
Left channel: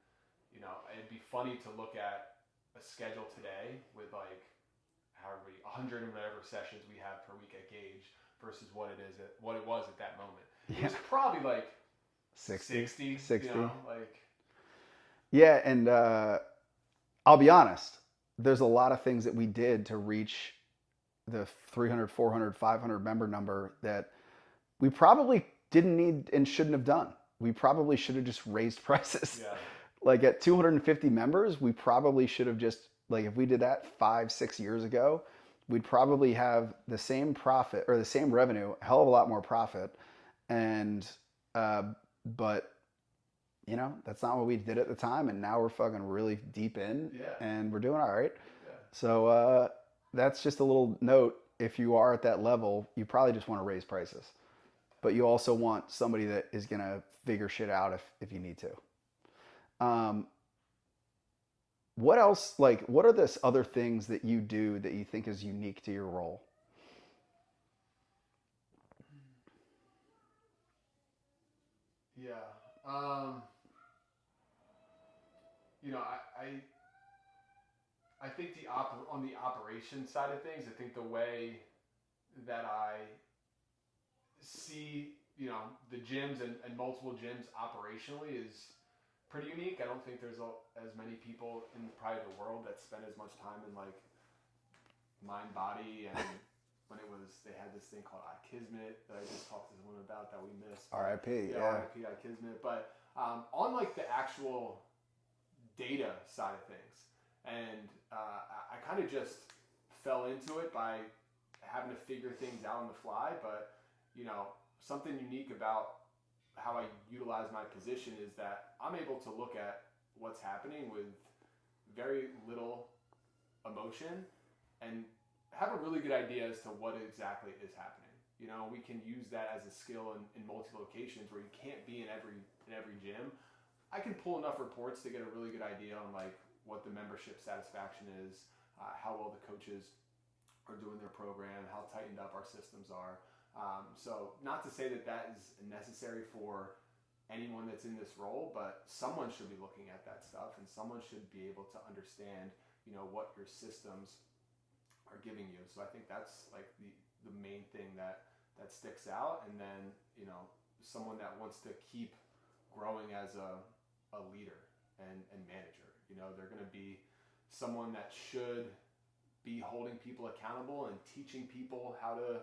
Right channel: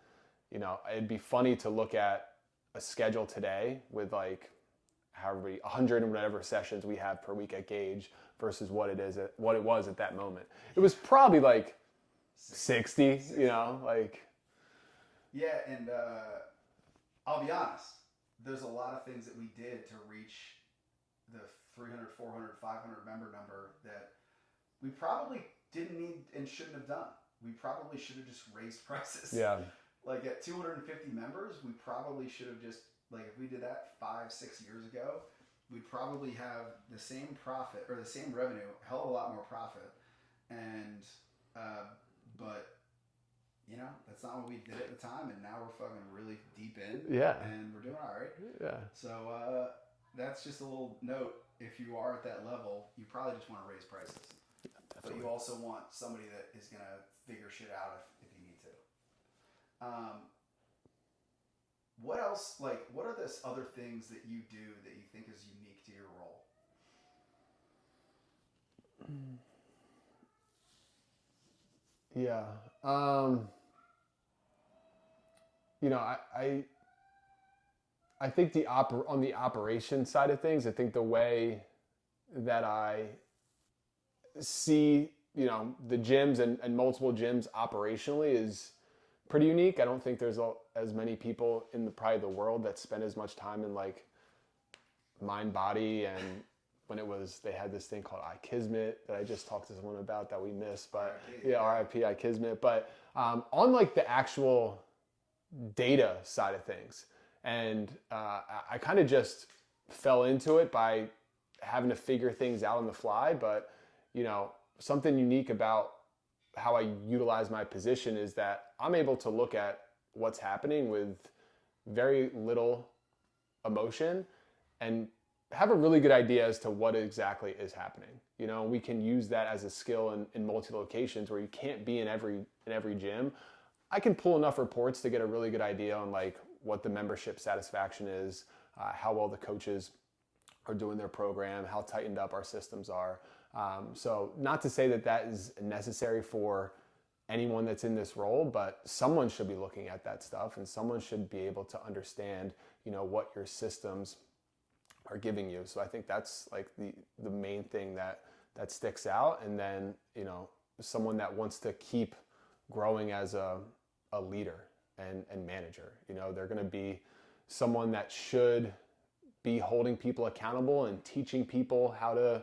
you know, it'd be funny to look at a schedule today with like however 100 and whatever sessions we have per week at Gauge versus what it was at that moment. It was probably like 60, you know, like. Yeah, and I'll be honest, there's a lot of things that we did to reach the 300, 400, 500 member number that we probably didn't need and shouldn't have done. We probably should have just raised prices. Yeah. Like at 250 members, we probably should have just, like if we did that 5-6 years ago, we'd probably have the same profit or the same revenue, a hell of a lot more profit. And, but you know, that's not what we did at the time. And now we're fucking really deep in. Yeah. And we're doing all right. Yeah. So, that's just a little note. If you are at that level, you probably just want to raise prices. But you also want somebody that is going to figure shit out if you need to. What else, like, what are the other things that you do that you think is unique to your role? Yeah. You know, I think on the operation side of things, I think the way that I see, you know, the gyms and multiple gyms operationally is pretty unique. I don't think there's as many people in probably the world that spend as much time in like mind, body, and when they had this thing called iKismet that I just talked to someone about that we missed. But, RIP. Yeah, RIP iKismet. But on like the actual data side of things, and I kind of just fell into it by having to figure things out on the fly. But something unique about how I utilize my position is that I'm able to look at what's happening with very little emotion and have a really good idea as to what exactly is happening. We can use that as a skill in multi-locations where you can't be in every gym. I can pull enough reports to get a really good idea on like what the membership satisfaction is, how well the coaches are doing their program, how tightened up our systems are. So not to say that is necessary for anyone that's in this role, but someone should be looking at that stuff, and someone should be able to understand, what your systems are giving you. So I think that's like the main thing that sticks out. And then, someone that wants to keep growing as a leader and manager. They're going to be someone that should be holding people accountable and teaching people how to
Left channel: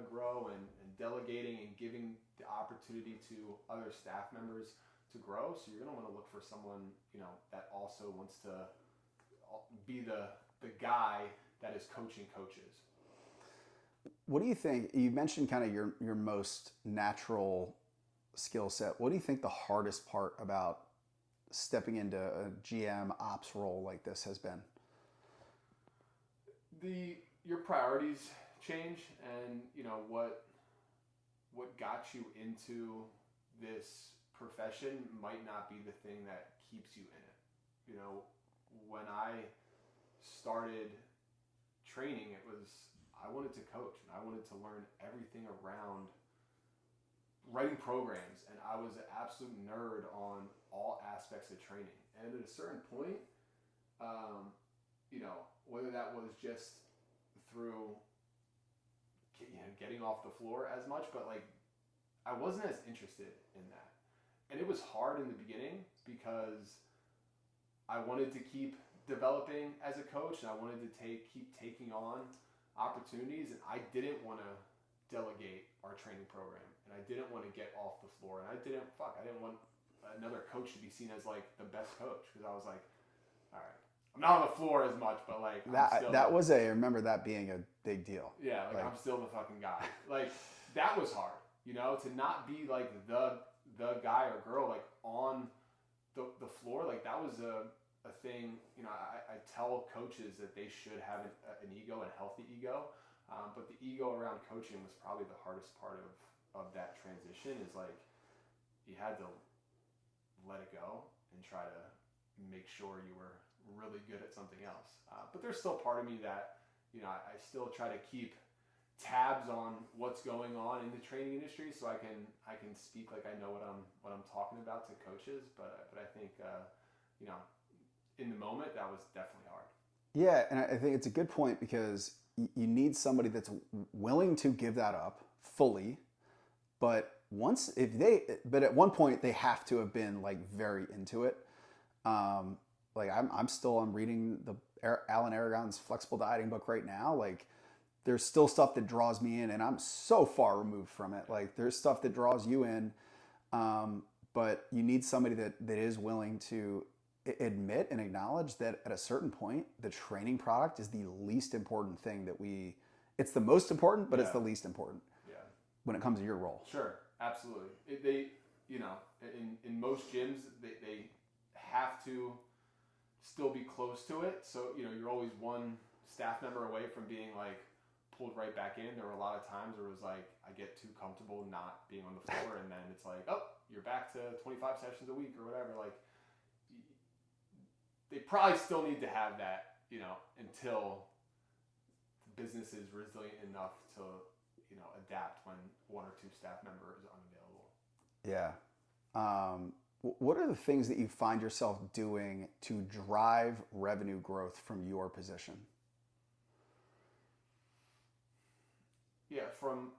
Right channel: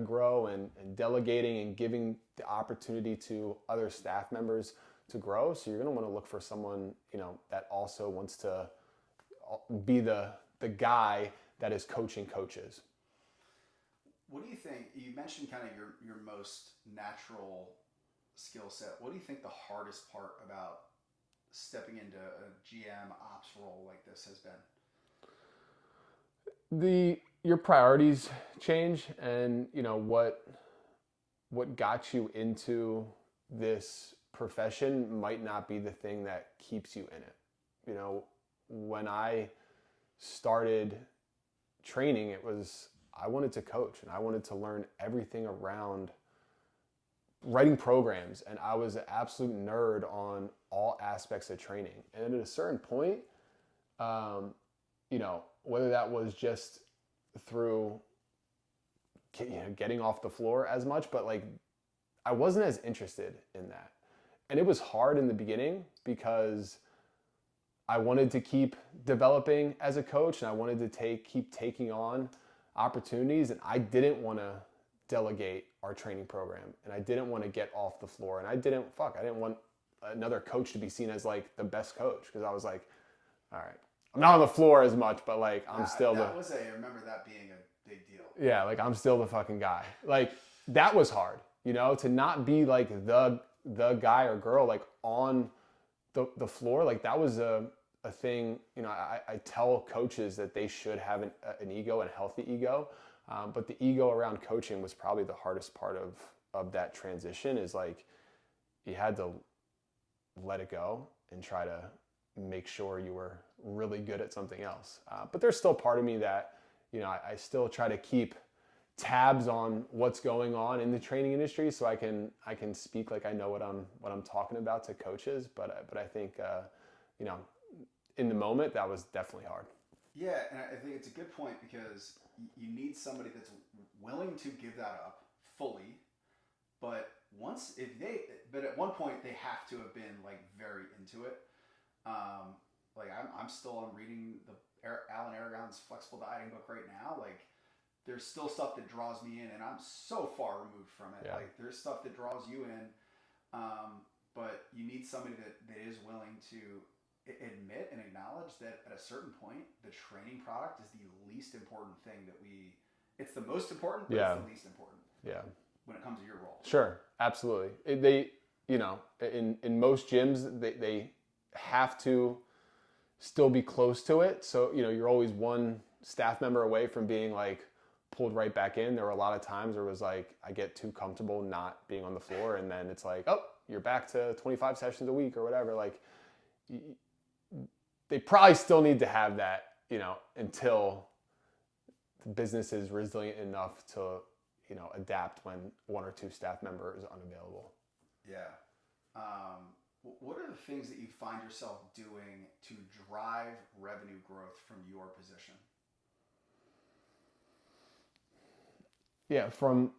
grow and delegating and giving the opportunity to other staff members to grow. So you're going to want to look for someone, that also wants to be the guy that is coaching coaches. What do you think? You mentioned kind of your most natural skill set. What do you think the hardest part about stepping into a GM ops role like this has been? Your priorities change, and what got you into this profession might not be the thing that keeps you in it. When I started training, I wanted to coach and I wanted to learn everything around writing programs, and I was an absolute nerd on all aspects of training. And at a certain point, whether that was just through getting off the floor as much, but like I wasn't as interested in that. And it was hard in the beginning because I wanted to keep developing as a coach, and I wanted to keep taking on opportunities, and I didn't want to delegate our training program, and I didn't want to get off the floor, and I didn't want another coach to be seen as like the best coach, because I was like, all right, I'm not on the floor as much, but like I remember that being a big deal. Yeah, like I'm still the fucking guy. Like that was hard, to not be like the guy or girl like on the floor. Like that was a thing. I tell coaches that they should have an ego and a healthy ego, but the ego around coaching was probably the hardest part of that transition. Is like you had to let it go and try to make sure you were really good at something else. But there's still part of me that, I still try to keep tabs on what's going on in the training industry, so I can speak like I know what I'm talking about to coaches. But I think, in the moment that was definitely hard. Yeah, and I think it's a good point, because you need somebody that's willing to give that up fully, but at one point they have to have been like very into it. Like I'm reading Alan Aragon's flexible dieting book right now. Like there's still stuff that draws me in, and I'm so far removed from it. Yeah. Like there's stuff that draws you in, but you need somebody that is willing to admit and acknowledge that at a certain point, the training product is the least important thing it's the most important, but it's the least important. Yeah. When it comes to your role. Sure. Absolutely. In most gyms, they have to still be close to it. So, you're always one staff member away from being like pulled right back in. There were a lot of times where it was like, I get too comfortable not being on the floor. And then it's like, oh, you're back to 25 sessions a week or whatever. Like they probably still need to have that, until the business is resilient enough to, adapt when one or two staff member is unavailable. Yeah. What are the things that you find yourself doing to drive revenue growth from your position? Yeah, from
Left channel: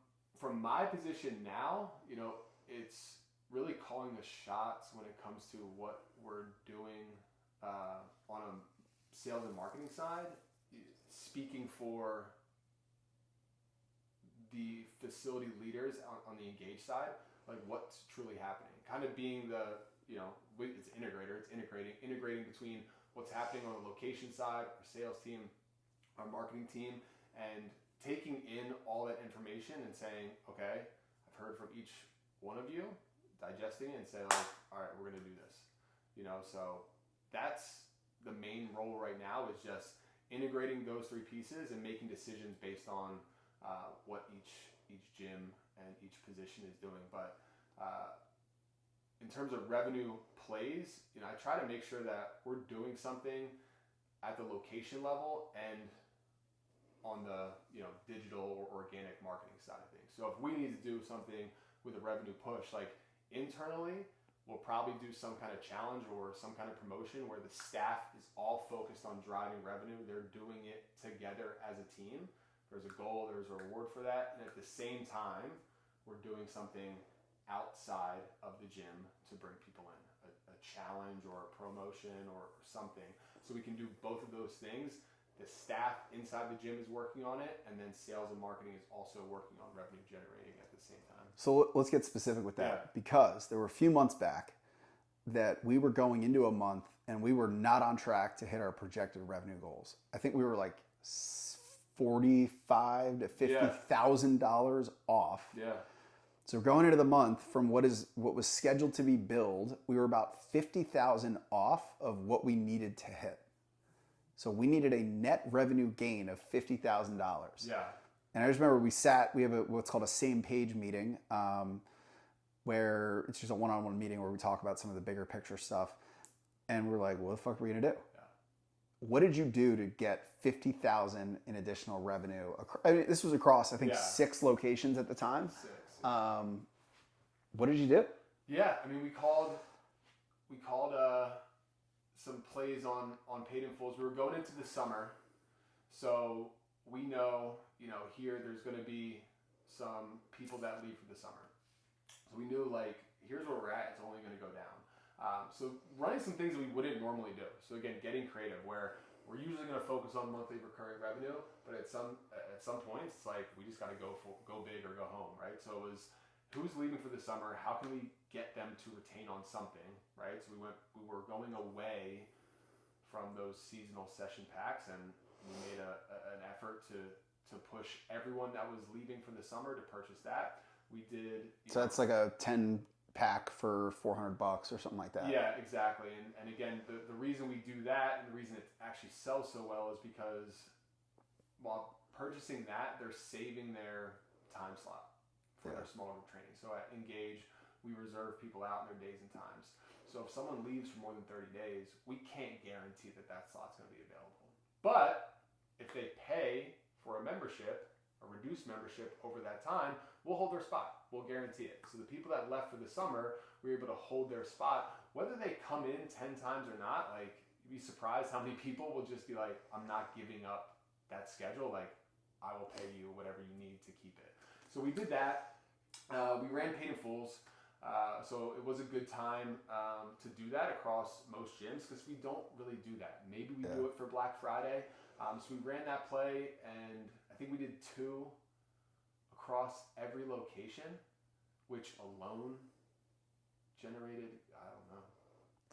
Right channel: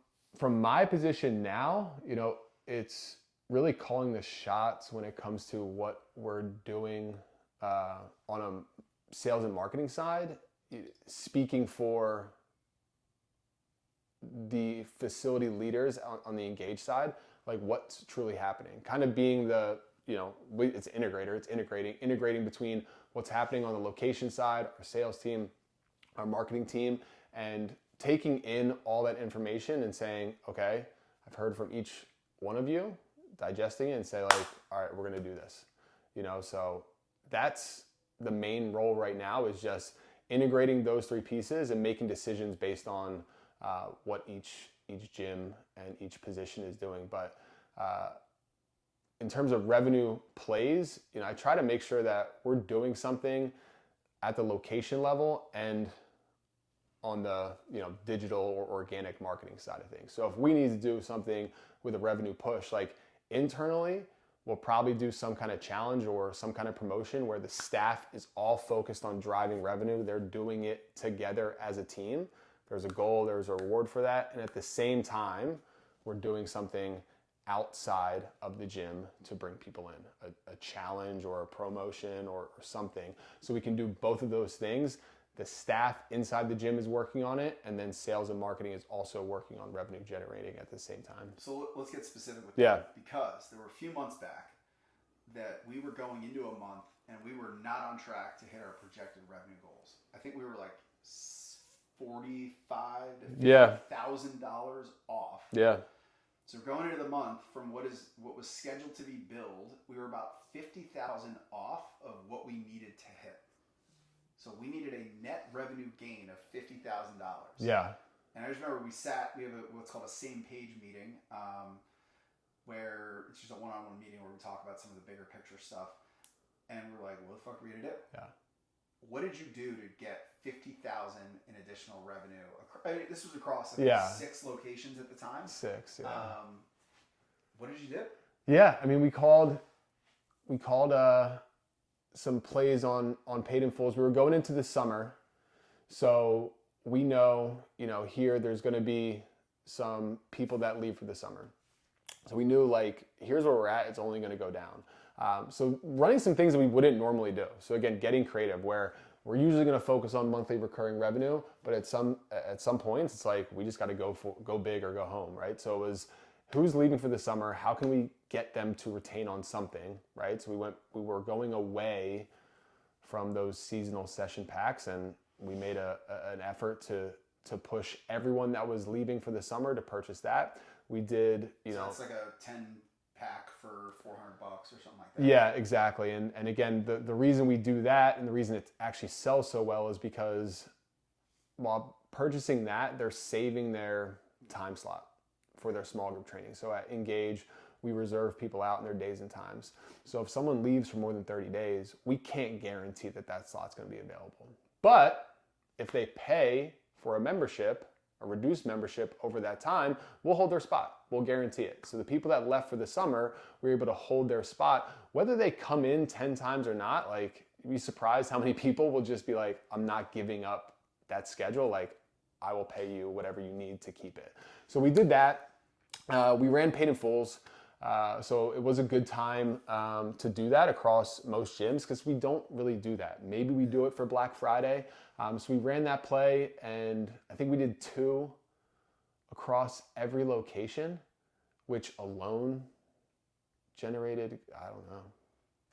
my position now, it's really calling the shots when it comes to what we're doing on a sales and marketing side, speaking for the facility leaders on the engage side, like what's truly happening. Kind of being the, it's integrator, it's integrating between what's happening on the location side, our sales team, our marketing team, and taking in all that information and saying, okay, I've heard from each one of you, digesting it and say like, all right, we're going to do this, so that's the main role right now, is just integrating those three pieces and making decisions based on what each gym and each position is doing. But in terms of revenue plays, I try to make sure that we're doing something at the location level and on the digital or organic marketing side of things. So if we need to do something with a revenue push, like internally, we'll probably do some kind of challenge or some kind of promotion where the staff is all focused on driving revenue. They're doing it together as a team. There's a goal, there's a reward for that. And at the same time, we're doing something outside of the gym to bring people in, a challenge or a promotion or something. So we can do both of those things. The staff inside the gym is working on it, and then sales and marketing is also working on revenue generating at the same time. So let's get specific with that, because there were a few months back that we were going into a month and we were not on track to hit our projected revenue goals. I think we were like $45,000 to $50,000 off. Yeah. So going into the month from what was scheduled to be billed, we were about $50,000 off of what we needed to hit. So we needed a net revenue gain of $50,000. Yeah. And I just remember we have what's called a same page meeting, where it's just a one-on-one meeting where we talk about some of the bigger picture stuff. And we're like, what the fuck are we gonna do? Yeah. What did you do to get $50,000 in additional revenue? I mean, this was across, I think, 6 locations at the time. 6. Yeah. What did you do? Yeah. I mean, we called some plays on paid in fulls. We were going into the summer, so we know, here there's going to be some people that leave for the summer. So we knew, like, here's where we're at. It's only going to go down. So running some things that we wouldn't normally do. So again, getting creative, where we're usually going to focus on monthly recurring revenue, but at some points, it's like we just got to go big or go home, right? So it was, who's leaving for the summer? How can we get them to retain on something, right? So we were going away from those seasonal session packs, and we made an effort to push everyone that was leaving for the summer to purchase that. We did, So that's like a 10 pack for $400 or something like that. Yeah, exactly. And again, the reason we do that and the reason it actually sells so well is because while purchasing that, they're saving their time slot for their small group training. So at Engage, we reserve people out in their days and times. So if someone leaves for more than 30 days, we can't guarantee that slot's going to be available. But if they pay for a membership, a reduced membership over that time, we'll hold their spot. We'll guarantee it. So the people that left for the summer, we're able to hold their spot. Whether they come in 10 times or not, like, you'd be surprised how many people will just be like, I'm not giving up that schedule. Like, I will pay you whatever you need to keep it. So we did that. We ran paid in fulls. So it was a good time to do that across most gyms, because we don't really do that. Maybe we do it for Black Friday. So we ran that play, and I think we did 2 across every location, which alone generated, I don't know,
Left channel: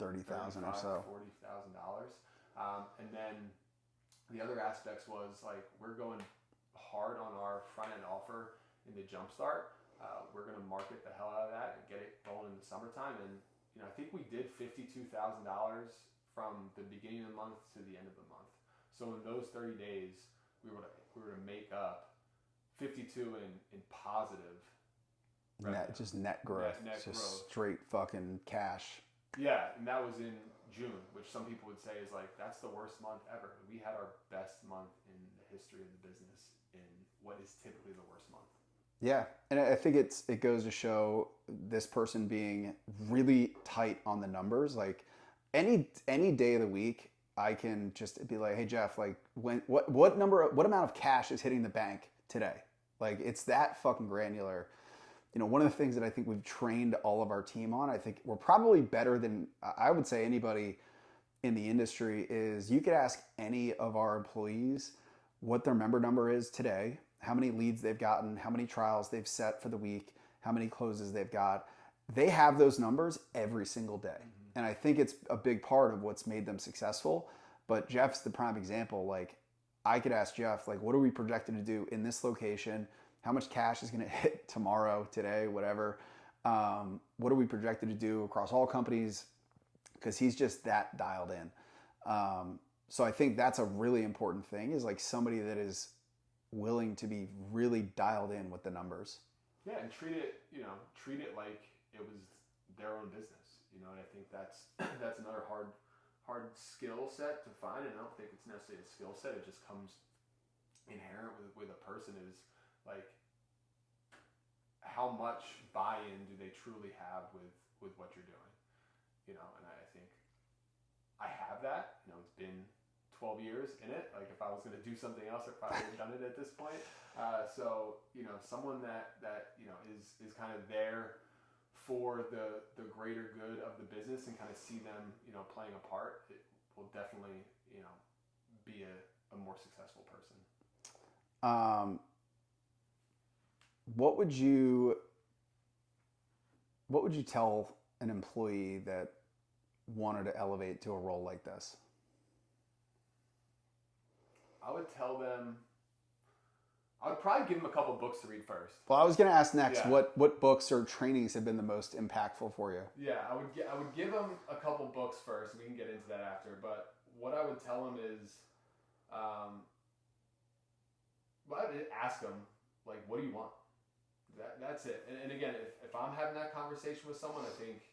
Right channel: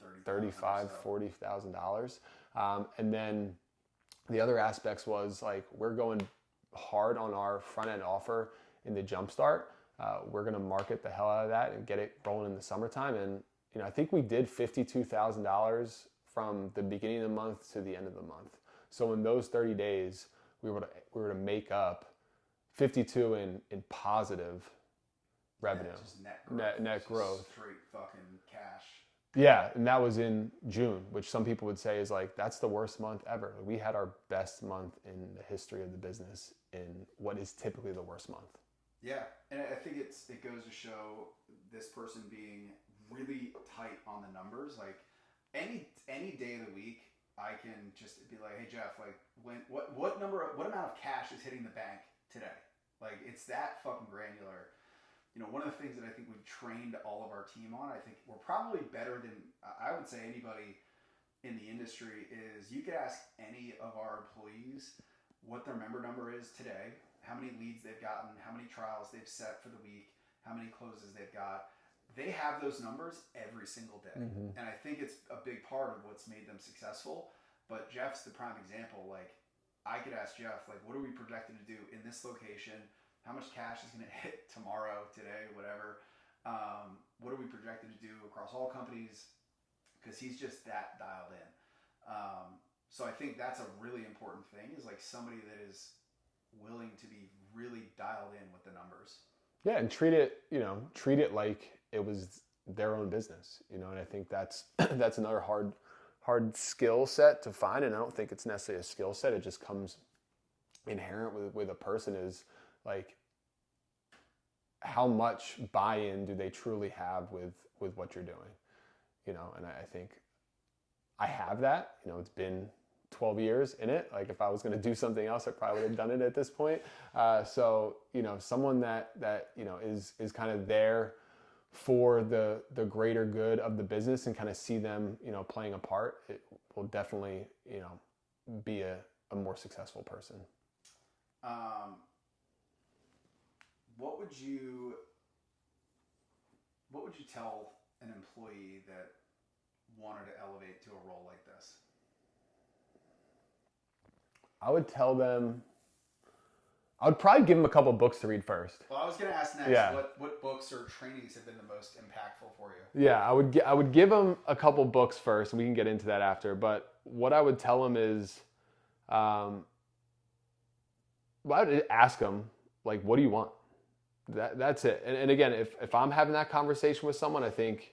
$35,000, $40,000. And then the other aspects was, like, we're going hard on our front end offer in the Jumpstart. We're going to market the hell out of that and get it rolling in the summertime. And I think we did $52,000 from the beginning of the month to the end of the month. So in those 30 days, we were to make up 52 in positive revenue. Just net growth. Net growth. Straight fucking cash. Yeah, and that was in June, which some people would say is like, that's the worst month ever. We had our best month in the history of the business in what is typically the worst month. Yeah, and I think it goes to show this person being really tight on the numbers. Like, any day of the week, I can just be like, hey Jeff, like, what amount of cash is hitting the bank today? Like, it's that fucking granular. One of the things that I think we've trained all of our team on, I think we're probably better than, I would say, anybody in the industry, is you could ask any of our employees what their member number is today, how many leads they've gotten, how many trials they've set for the week, how many closes they've got. They have those numbers every single day. And I think it's a big part of what's made them successful. But Jeff's the prime example. Like, I could ask Jeff, like, what are we projected to do in this location? How much cash is going to hit tomorrow, today, whatever? What are we projected to do across all companies? Because he's just that dialed in. So I think that's a really important thing, is like somebody that is willing to be really dialed in with the numbers. Yeah, and treat it like it was their own business, and I think that's another hard skill set to find. And I don't think it's necessarily a skill set. It just comes inherent with a person, is like, how much buy-in do they truly have with what you're doing, and I think I have that. It's been 12 years in it. Like, if I was going to do something else, I probably would have done it at this point. So someone that is kind of there for the greater good of the business, and kind of see them playing a part, it will definitely be a more successful person. What would you tell an employee that wanted to elevate to a role like this? I would tell them, I would probably give them a couple books to read first. Well, I was going to ask next, Yeah. what books or trainings have been the most impactful for you? Yeah, I would give them a couple books first, and we can get into that after. But what I would tell them is, I would ask them, like, what do you want? That's it. And again, if I'm having that conversation with someone, I think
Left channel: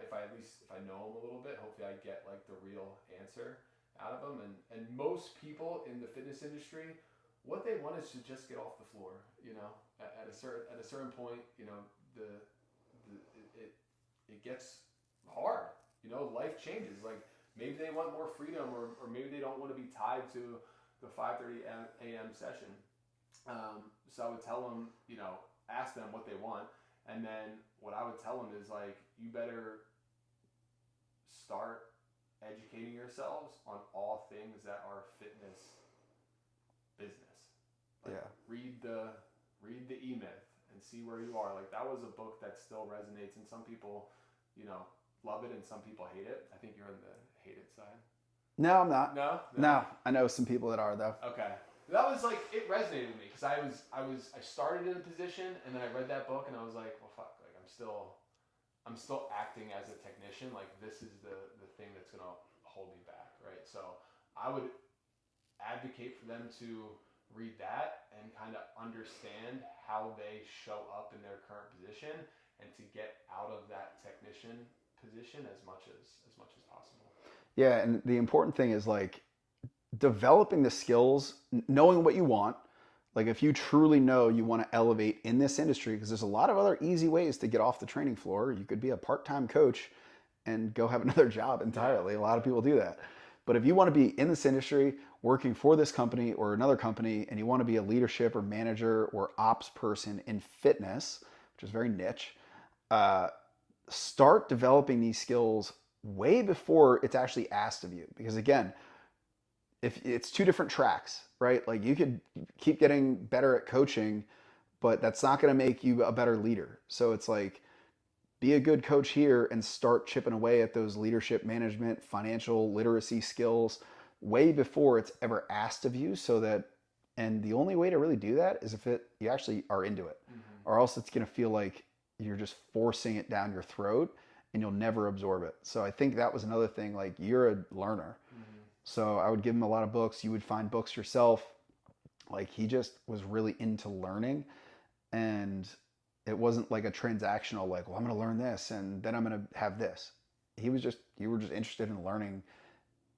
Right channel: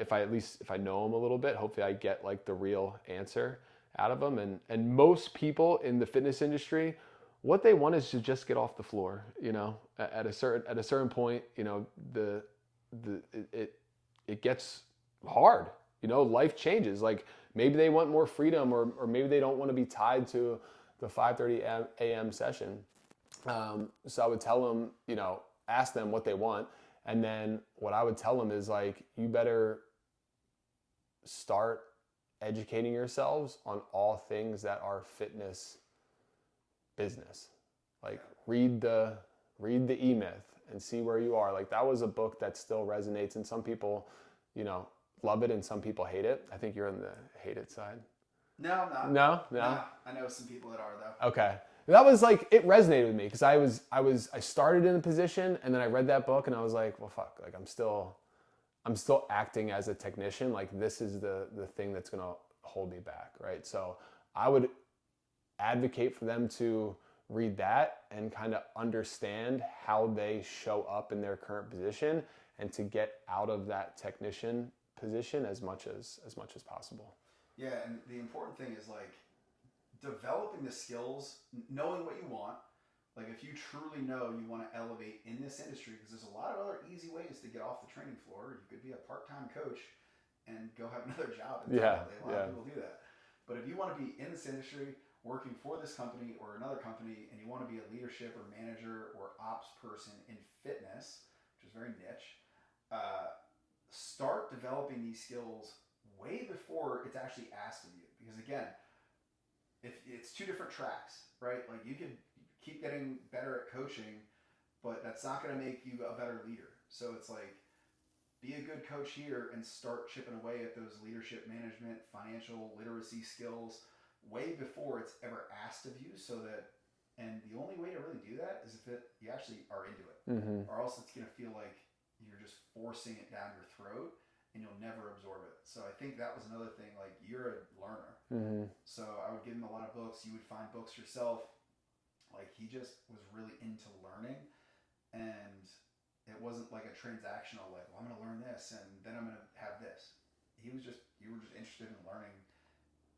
if I know them a little bit, hopefully I get like the real answer out of them. And most people in the fitness industry, what they want is to just get off the floor. At a certain point, it gets hard. Life changes. Like, maybe they want more freedom, or maybe they don't want to be tied to the 5:30 a.m. session. So I would tell them, ask them what they want. And then what I would tell them is, like, you better start educating yourselves on all things that are fitness business. Like, read the E-Myth and see where you are. Like, that was a book that still resonates, and some people, love it, and some people hate it. I think you're on the hate it side. No, I'm not. No? I know some people that are, though. Okay. That was like, it resonated with me, because I started in a position, and then I read that book, and I was like, well, fuck, like, I'm still acting as a technician. Like, this is the thing that's going to hold me back, right? So I would advocate for them to read that and kind of understand how they show up in their current position, and to get out of that technician position as much as possible. Yeah, and the important thing is, like, developing the skills, knowing what you want. Like, if you truly know you want to elevate in this industry, because there's a lot of other easy ways to get off the training floor. You could be a part-time coach and go have another job entirely. A lot of people do that. But if you want to be in this industry, working for this company or another company, and you want to be a leadership or manager or ops person in fitness, which is very niche, start developing these skills way before it's actually asked of you. Because again, if it's two different tracks, right? Like, you could keep getting better at coaching, but that's not going to make you a better leader. So it's like, be a good coach here and start chipping away at those leadership, management, financial literacy skills way before it's ever asked of you. So that, and the only way to really do that is if you actually are into it, or else it's going to feel like you're just forcing it down your throat, and you'll never absorb it. So I think that was another thing. Like, you're a learner. So I would give him a lot of books. You would find books yourself. Like, he just was really into learning, and it wasn't like a transactional, like, well, I'm going to learn this and then I'm going to have this. You were just interested in learning.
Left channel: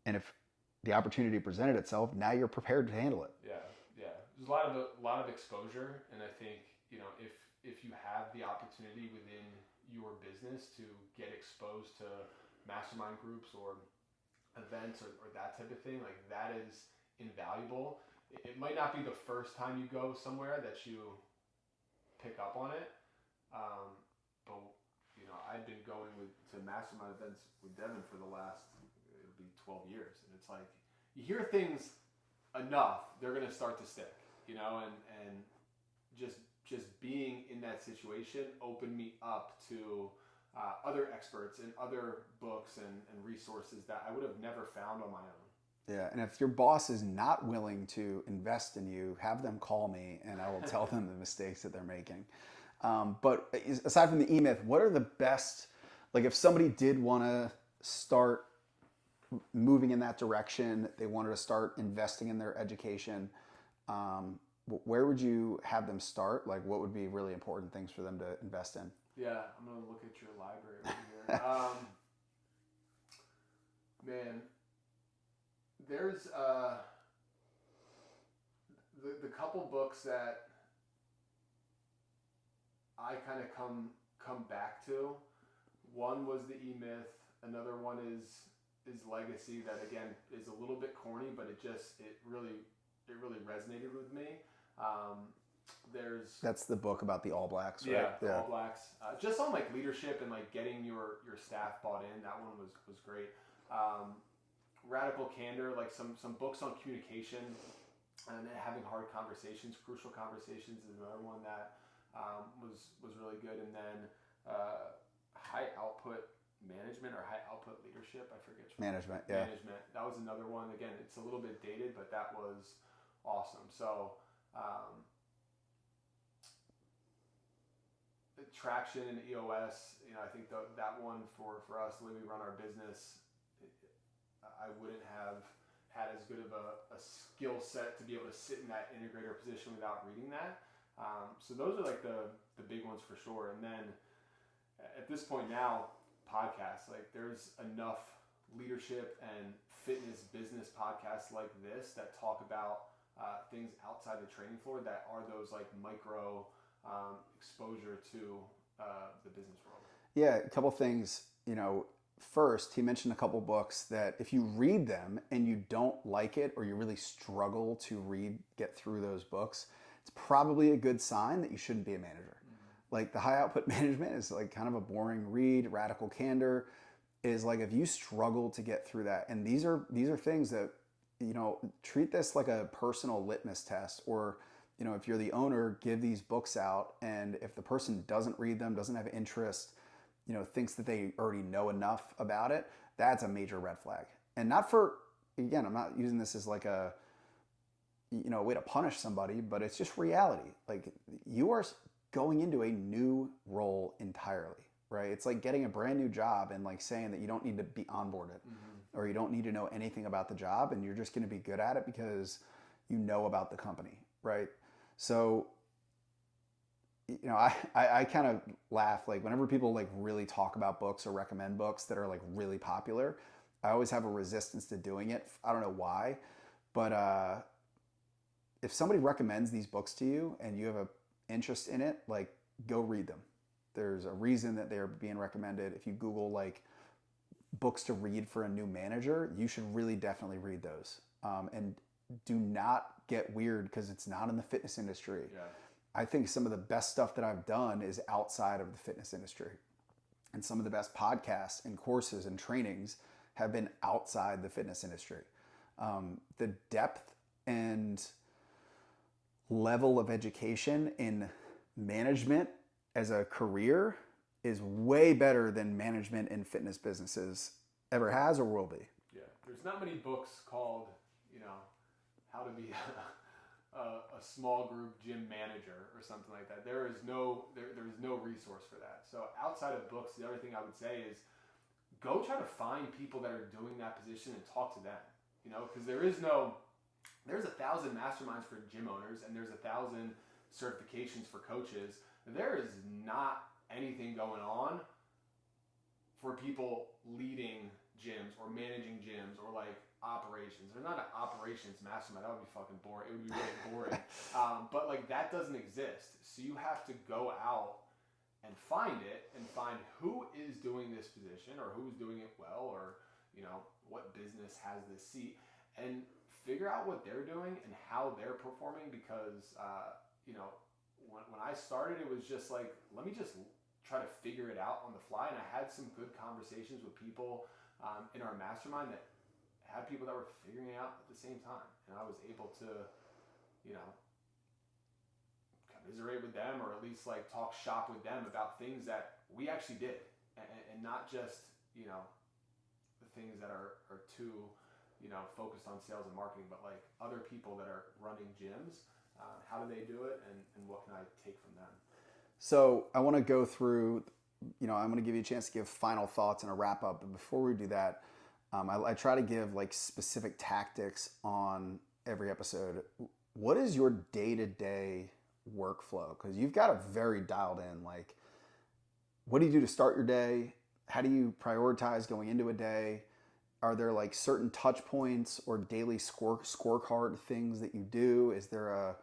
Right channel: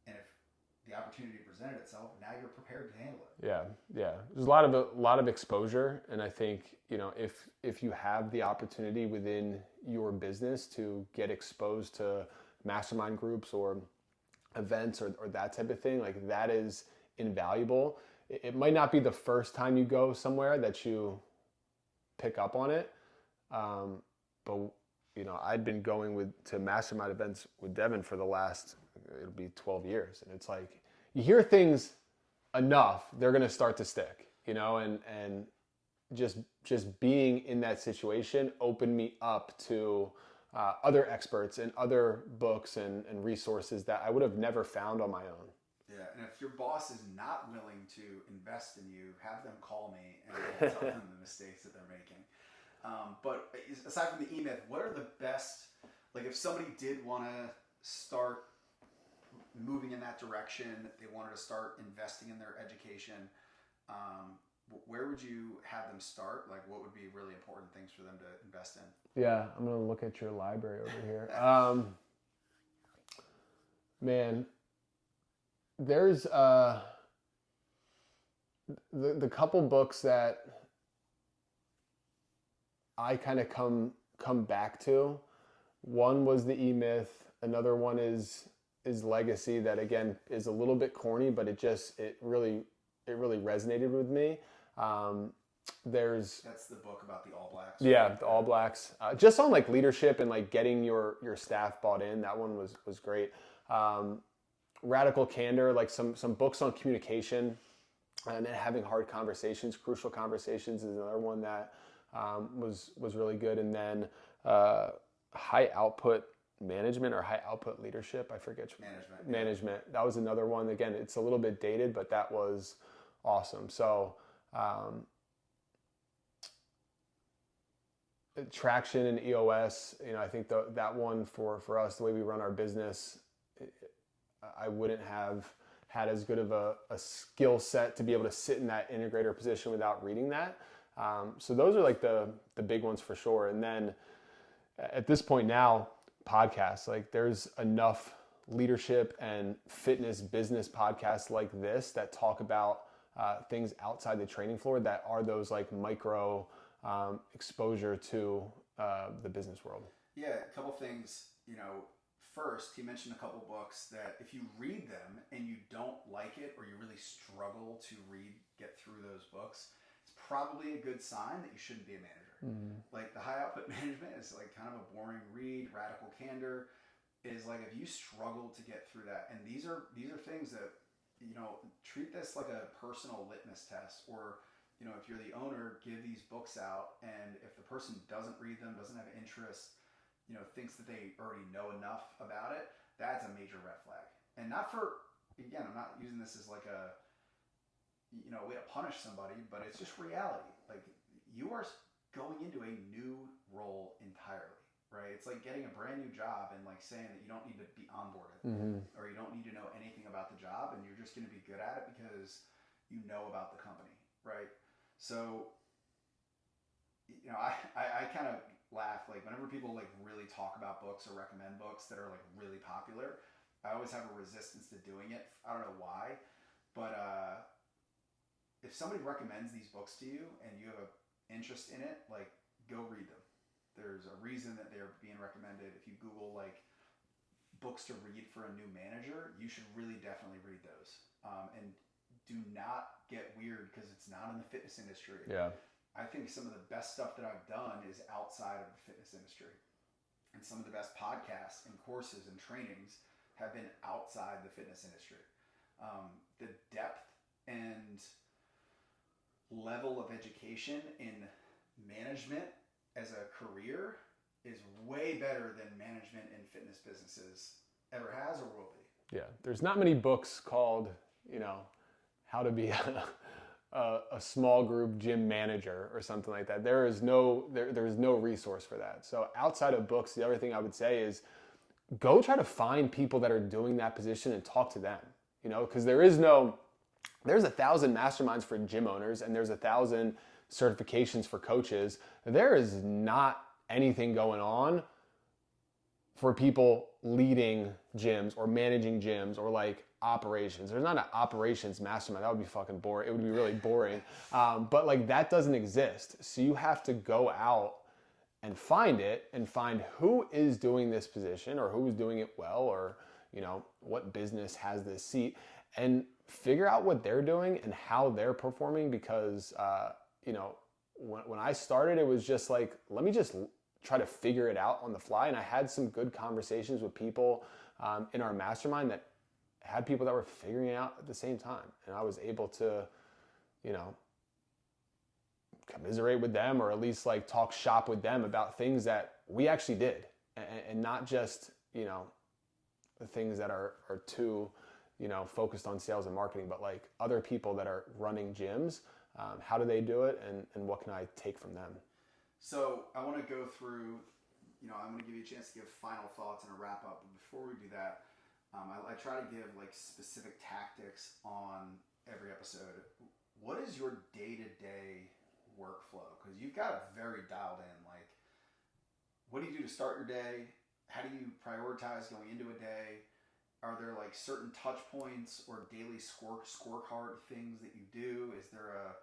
And if the opportunity presented itself, now you're prepared to handle it. Yeah. There's a lot of exposure. And I think, if you have the opportunity within your business to get exposed to mastermind groups or events or that type of thing, like, that is invaluable. It might not be the first time you go somewhere that you pick up on it. But I'd been going to mastermind events with Devin for the last, it'll be 12 years. And it's like, you hear things enough, they're going to start to stick. and just being in that situation opened me up to other experts and other books and resources that I would have never found on my own. Yeah, and if your boss is not willing to invest in you, have them call me and I will tell them the mistakes that they're making. But aside from the E-Myth, what are the best, like if somebody did want to start moving in that direction, they wanted to start investing in their education, where would you have them start? Like what would be really important things for them to invest in? Yeah, I'm going to look at your library over here. Man, there's the couple books that I kind of come back to. One was the E-Myth. Another one is Legacy. That again is a little bit corny, but it really resonated with me. That's the book about the All Blacks. Right? Yeah, the Yeah. All Blacks. Just on like leadership and like getting your staff bought in. That one was great. Radical Candor, like some books on communication and having hard conversations, crucial conversations, is another one that was really good. And then high output management or high output leadership, I forget. Management. That was another one. Again, it's a little bit dated, but that was awesome. So traction and EOS, I think that one for us, the way we run our business, I wouldn't have had as good of a skill set to be able to sit in that integrator position without reading that. So those are like the big ones for sure. And then at this point now, podcasts, like there's enough leadership and fitness business podcasts like this that talk about things outside the training floor that are those like micro exposure to the business world. Yeah, a couple things. First, he mentioned a couple books that if you read them and you don't like it or you really struggle to get through those books, it's probably a good sign that you shouldn't be a manager. Mm-hmm. Like the high output management is like kind of a boring read. Radical Candor is like if you struggle to get through that, and these are things that treat this like a personal litmus test, or if you're the owner, give these books out, and if the person doesn't read them, doesn't have interest, thinks that they already know enough about it, that's a major red flag. And again, I'm not using this as like a way to punish somebody, but it's just reality. Like you are going into a new role entirely, right? It's like getting a brand new job and like saying that you don't need to be onboarded, mm-hmm. or you don't need to know anything about the job, and you're just going to be good at it because you know about the company, right? So I kind of laugh, like whenever people like really talk about books or recommend books that are like really popular, I always have a resistance to doing it. I don't know why, but if somebody recommends these books to you and you have an interest in it, like go read them. There's a reason that they're being recommended. If you Google like books to read for a new manager, you should really definitely read those. And do not get weird because it's not in the fitness industry. Yeah. I think some of the best stuff that I've done is outside of the fitness industry. And some of the best podcasts and courses and trainings have been outside the fitness industry. The depth and level of education in management as a career is way better than management in fitness businesses ever has or will be. Yeah. There's not many books called, how to be a small group gym manager or something like that. There's no resource for that. So outside of books, the other thing I would say is go try to find people that are doing that position and talk to them, because there's 1,000 masterminds for gym owners and there's 1,000 certifications for coaches. There is not anything going on for people leading gyms or managing gyms or like operations. There's not an operations mastermind. That would be fucking boring. It would be really boring. But like that doesn't exist. So you have to go out and find it and find who is doing this position or who is doing it well, or, what business has this seat, and figure out what they're doing and how they're performing. Because, when I started, it was just like, let me just try to figure it out on the fly. And I had some good conversations with people in our mastermind that had people that were figuring it out at the same time. And I was able to, commiserate with them, or at least like talk shop with them about things that we actually did, and not just, you know, the things that are too, you know, focused on sales and marketing, but like other people that are running gyms. How do they do it, and what can I take from them? So I want to go through, you know, I'm going to give you a chance to give final thoughts and a wrap up. But before we do that, I try to give like specific tactics on every episode. What is your day-to-day workflow? Because you've got it very dialed in. Like, what do you do to start your day? How do you prioritize going into a day? Are there like certain touch points or daily scorecard things that you do? Is there a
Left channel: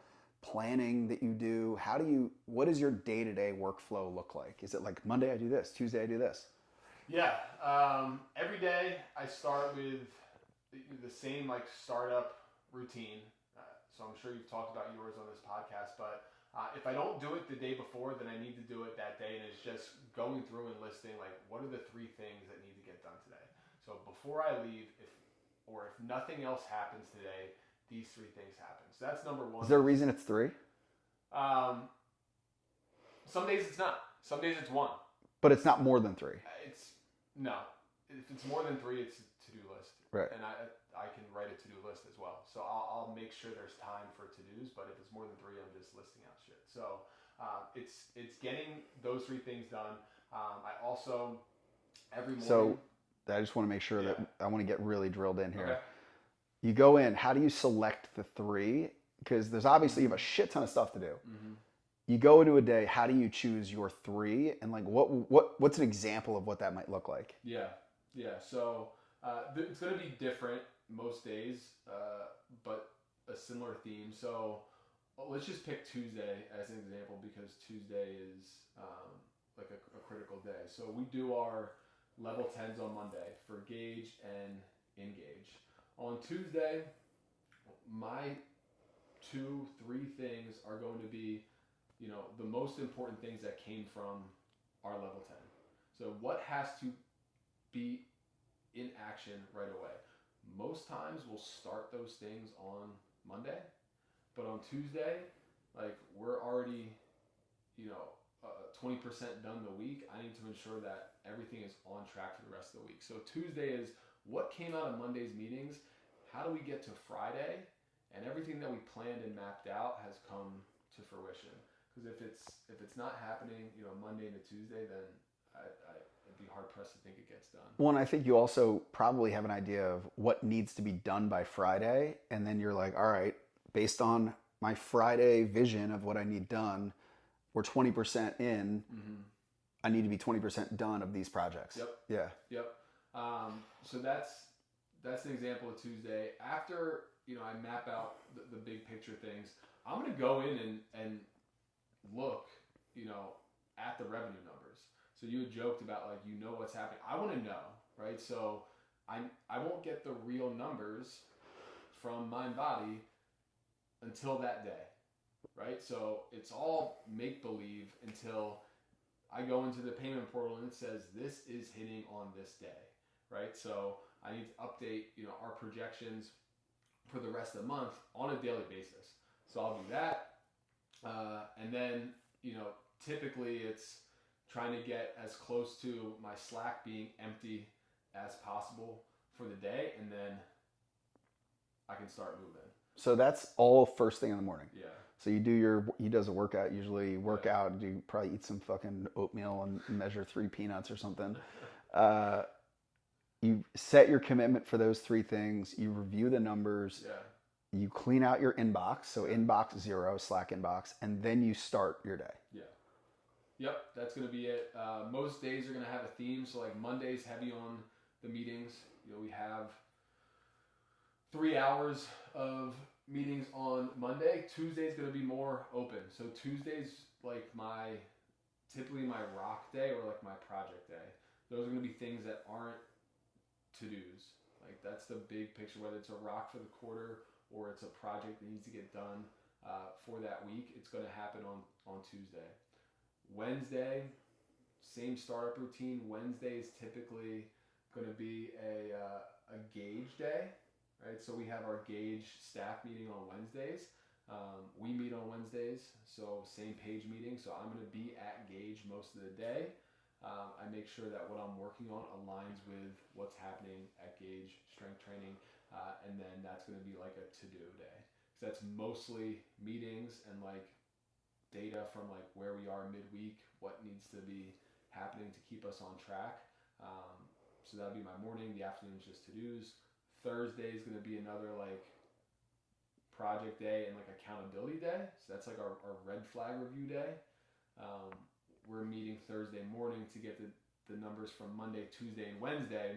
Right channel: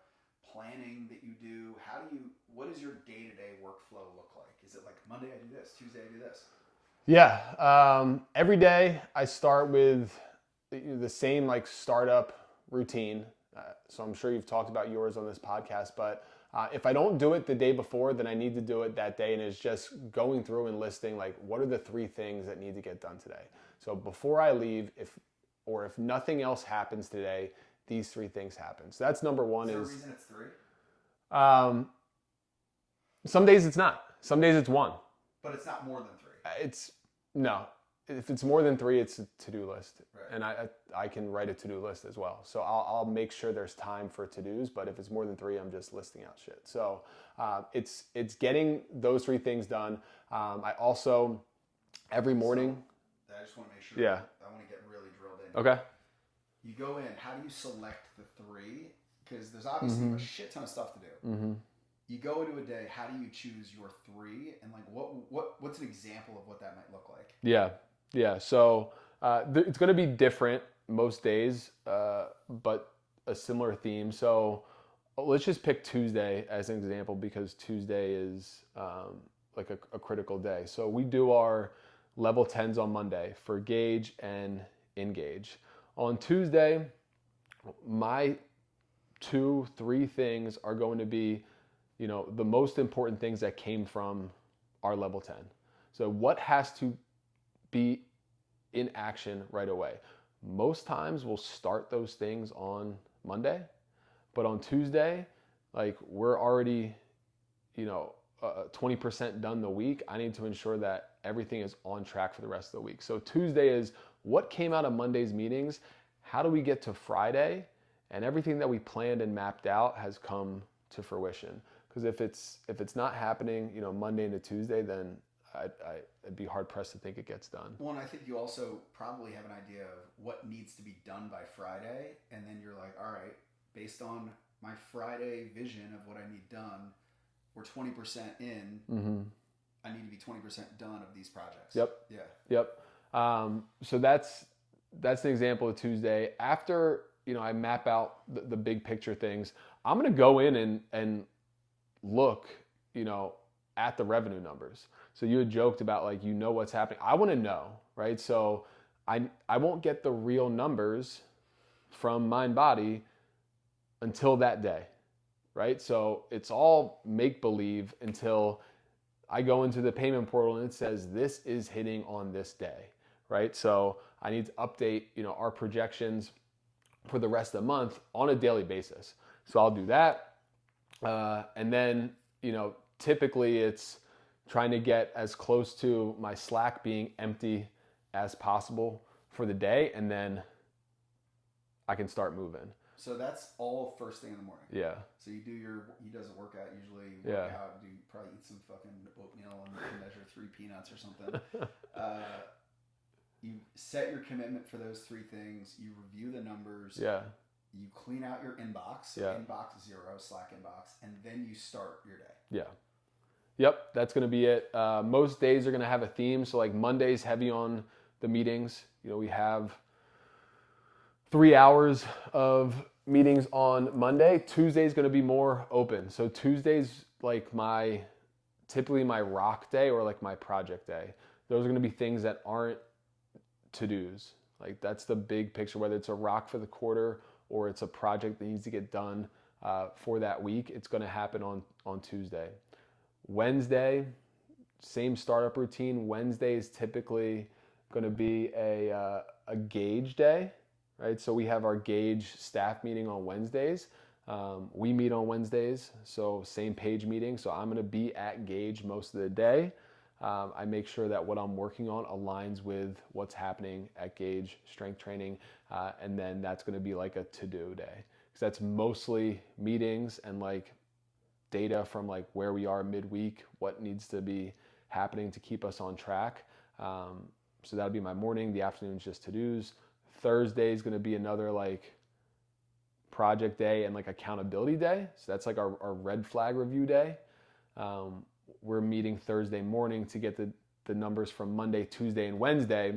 planning that you do? What does your day-to-day workflow look like? Is it like Monday I do this, Tuesday I do this? Yeah. Every day I start with the same like startup routine. So I'm sure you've talked about yours on this podcast, but if I don't do it the day before, then I need to do it that day. And it's just going through and listing like, what are the 3 things that need to get done today? So before I leave, if nothing else happens today, these 3 things happen. So that's number 1. Is there a reason it's 3? Some days it's not. Some days it's 1. But it's not more than 3. No. If it's more than 3, it's a to-do list. Right. And I can write a to-do list as well. So I'll make sure there's time for to-dos, but if it's more than 3, I'm just listing out shit. So it's getting those 3 things done. I also, every morning... So I just want to make sure Yeah. that I want to get really drilled in here. Okay. You go in, how do you select the 3? Because there's obviously you have a shit ton of stuff to do. Mm-hmm. You go into a day, how do you choose your 3? And like what's an example of what that might look like? Yeah. So it's going to be different most days, but a similar theme. So let's just pick Tuesday as an example, because Tuesday is like a critical day. So we do our level 10s on Monday for Gauge and Engage. On Tuesday, my 2-3 things are going to be, you know, the most important things that came from our level 10. So what has to be in action right away? Most times we'll start those things on Monday, but on Tuesday, like we're already, you know, 20% done the week. I need to ensure that everything is on track for the rest of the week. So Tuesday is what came out of Monday's meetings. How do we get to Friday? And everything that we planned and mapped out has come to fruition. Because if it's not happening, you know, Monday into Tuesday, then I'd be hard pressed to think it gets done. Well, and I think you also probably have an idea of what needs to be done by Friday. And then you're like, all right, based on my Friday vision of what I need done, we're 20% in. Mm-hmm. I need to be 20% done of these projects. Yep. Yeah. Yep. So that's an example of Tuesday. After, you know, I map out the big picture things, I'm going to go in and look, you know, at the revenue numbers. So you had joked about like, you know, what's happening. I want to know, right? So I won't get the real numbers from MindBody until that day, right? So it's all make-believe until I go into the payment portal and it says this is hitting on this day, right? So I need to update, you know, our projections for the rest of the month on a daily basis. So I'll do that. And then, you know, typically it's trying to get as close to my Slack being empty as possible for the day, and then I can start moving. So that's all first thing in the morning. Yeah. So he does a workout, usually work out, you probably eat some fucking oatmeal and measure 3 peanuts or something. You set your commitment for those 3 things, you review the numbers. Yeah. You clean out your inbox, so inbox 0, Slack inbox, and then you start your day. Yeah. Yep, that's going to be it. Most days are going to have a theme. So like Monday's heavy on the meetings. You know, we have 3 hours of meetings on Monday. Tuesday's going to be more open. So Tuesday's like typically my rock day or like my project day. Those are going to be things that aren't to-dos. Like that's the big picture, whether it's a rock for the quarter or it's a project that needs to get done for that week. It's going to happen on Tuesday. Wednesday, same startup routine. Wednesday is typically going to be a Gauge day, right? So we have our Gauge staff meeting on Wednesdays. We meet on Wednesdays, so same page meeting. So I'm going to be at Gage most of the day. I make sure that what I'm working on aligns with what's happening at Gage strength training, and then that's going to be like a to-do day, because that's mostly meetings and like data from like where we are midweek, what needs to be happening to keep us on track. So that'll be my morning. The afternoon's just to-dos. Thursday is going to be another like project day and like accountability day. So that's like our red flag review day. We're meeting Thursday morning to get the numbers from Monday, Tuesday, and Wednesday.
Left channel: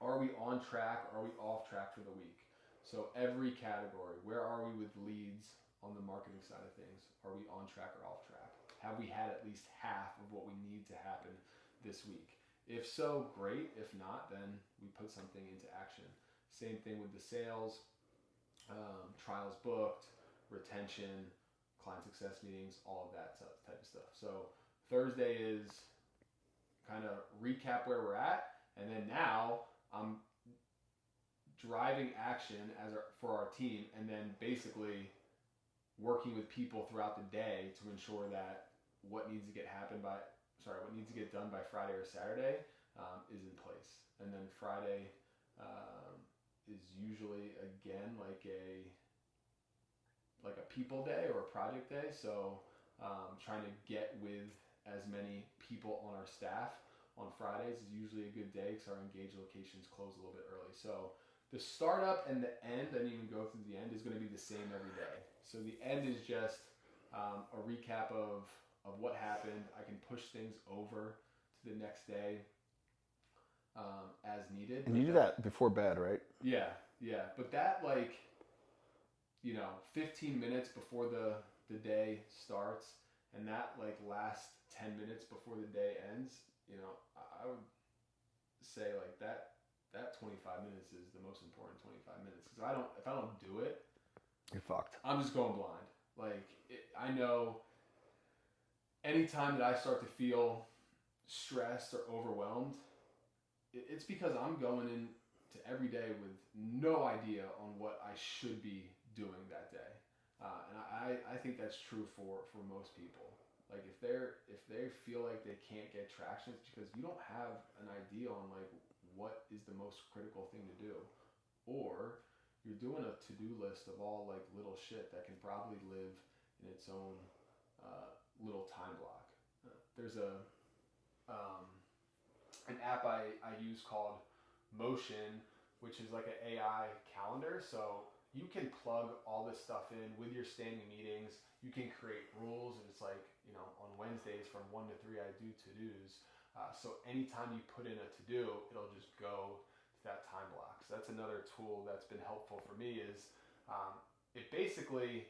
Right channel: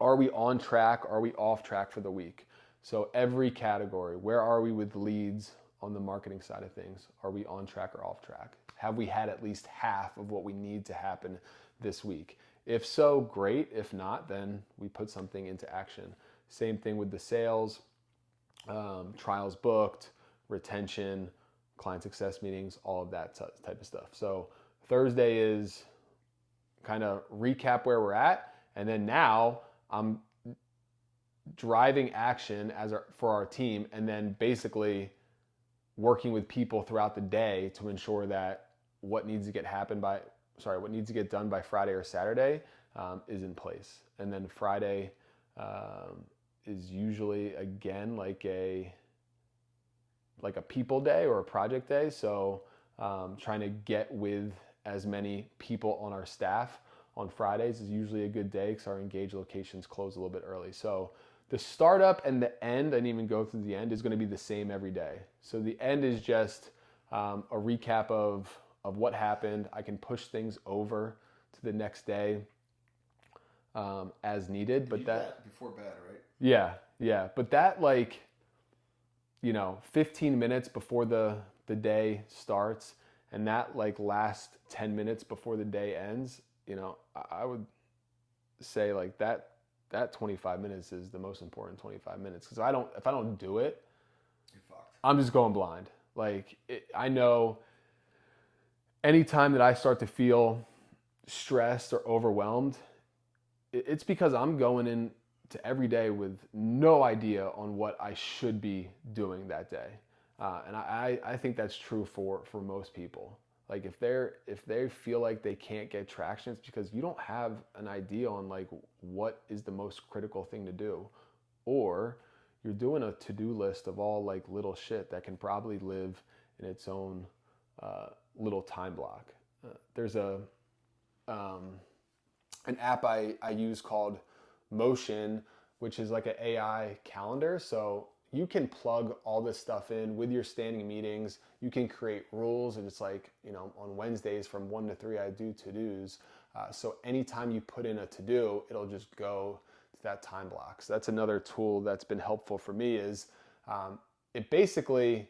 Are we on track? Are we off track for the week? So every category, where are we with leads on the marketing side of things? Are we on track or off track? Have we had at least half of what we need to happen this week? If so, great. If not, then we put something into action. Same thing with the sales, trials booked, retention, client success meetings, all of that type of stuff. So Thursday is kind of recap where we're at, and then now I'm driving action for our team, and then basically working with people throughout the day to ensure that what needs to get done by Friday or Saturday is in place. And then Friday is usually again like a people day or a project day. So trying to get with as many people on our staff on Fridays is usually a good day because our engaged locations close a little bit early. So the startup and the end, I didn't even go through the end, is going to be the same every day. So the end is just a recap of what happened. I can push things over to the next day as needed. And but you that got before bed, right? Yeah. But that 15 minutes before the day starts, and that last 10 minutes before the day ends, I would say that 25 minutes is the most important 25 minutes. Because if I don't do it, you're fucked. I'm just going blind. I know anytime that I start to feel stressed or overwhelmed, it's because I'm going into every day with no idea on what I should be doing that day. And I think that's true for most people. If they feel like they can't get traction, it's because you don't have an idea on what is the most critical thing to do, or you're doing a to-do list of all little shit that can probably live in its own little time block. There's an app I use called Motion, which is like an AI calendar. So you can plug all this stuff in with your standing meetings. You can create rules, and it's on Wednesdays from 1 to 3, I do to-dos. So anytime you put in a to-do, it'll just go to that time block. So that's another tool that's been helpful for me is it basically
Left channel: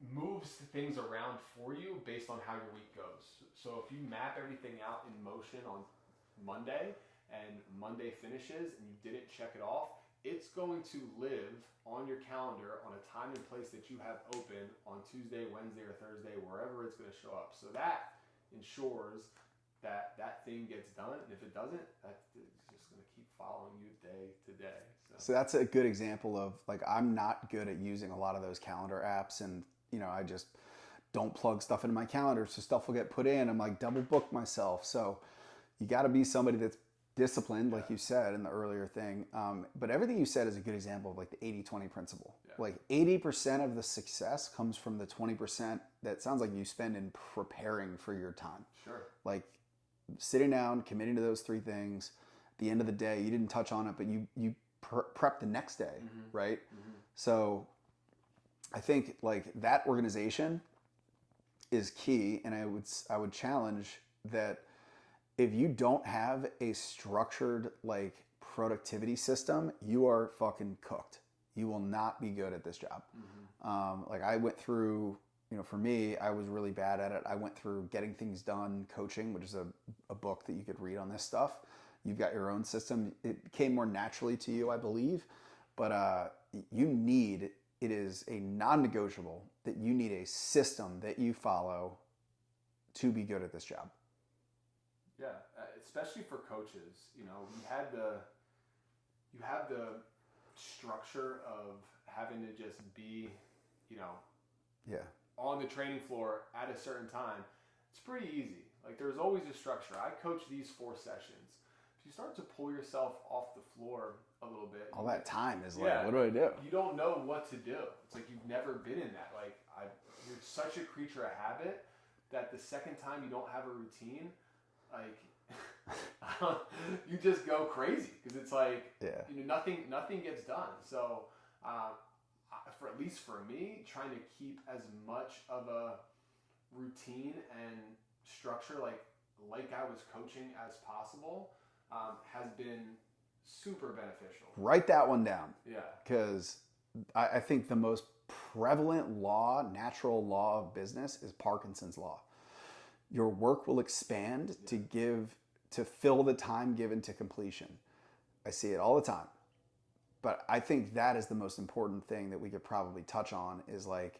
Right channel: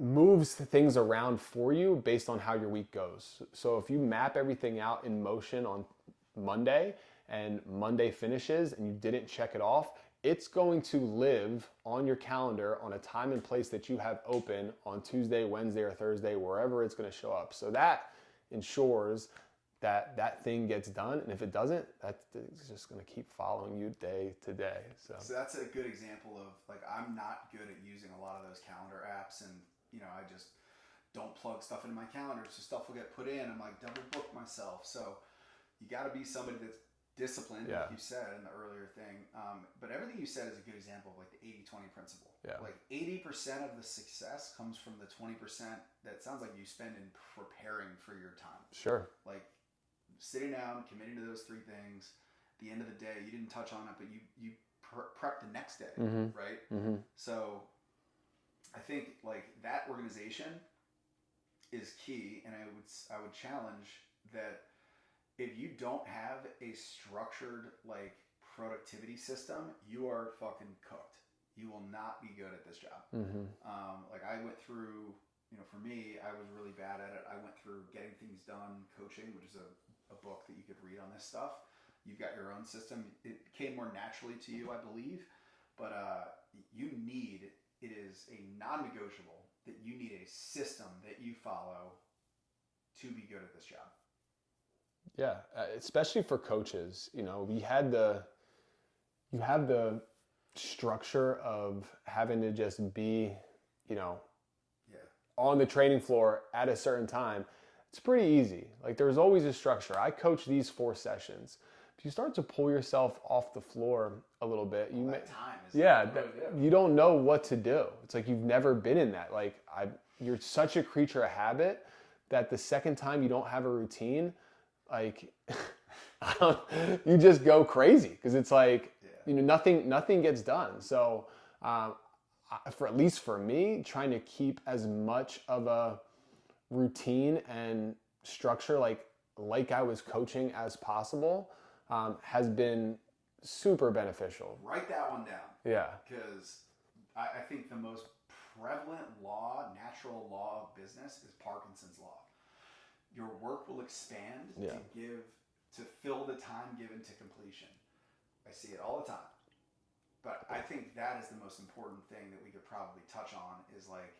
moves things around for you based on how your week goes. So if you map everything out in Motion on Monday and Monday finishes and you didn't check it off, it's going to live on your calendar on a time and place that you have open on Tuesday, Wednesday, or Thursday, wherever it's going to show up. So that ensures that thing gets done. And if it doesn't, that's just going to keep following you day to day. So that's a good example of I'm not good at using a lot of those calendar apps, and I just don't plug stuff into my calendar, so stuff will get put in. I'm double book myself. So you got to be somebody that's disciplined, like you said in the earlier thing. But everything you said is a good example of the 80-20 principle. Yeah. 80% of the success comes from the 20% that sounds like you spend in preparing for your time. Sure. Sitting down, committing to those 3 things. At the end of the day, you didn't touch on it, but you prep the next day, right? Mm-hmm. So I think that organization is key, and I would challenge that if you don't have a structured productivity system, you are fucking cooked. You will not be good at this job. Mm-hmm. I went through, for me, I was really bad at it. I went through Getting Things Done coaching, which is a book that you could read on this stuff. You've got your own system. It came more naturally to you, I believe, but it is a non-negotiable that you need a system that you follow to be good at this job. Yeah, especially for coaches, you have the structure of having to just be, you know, Yeah. on the training floor at a certain time, it's pretty easy. Like there's always a structure. I coach these 4 sessions. If you start to pull yourself off the floor a little bit, All that time is yeah, like, what do I do? you don't know what to do. It's like you've never been in that. Like you're such a creature of habit that the second time you don't have a routine, like you just go crazy because it's like you know nothing gets done. So for at least for me, trying to keep as much of a routine and structure like I was coaching as possible has been super beneficial. Write that one down. Yeah. Because I think the most prevalent law, natural law of business is Parkinson's law. Your work will expand to fill the time given to completion. I see it all the time. But I think that is the most important thing that we could probably touch on is like,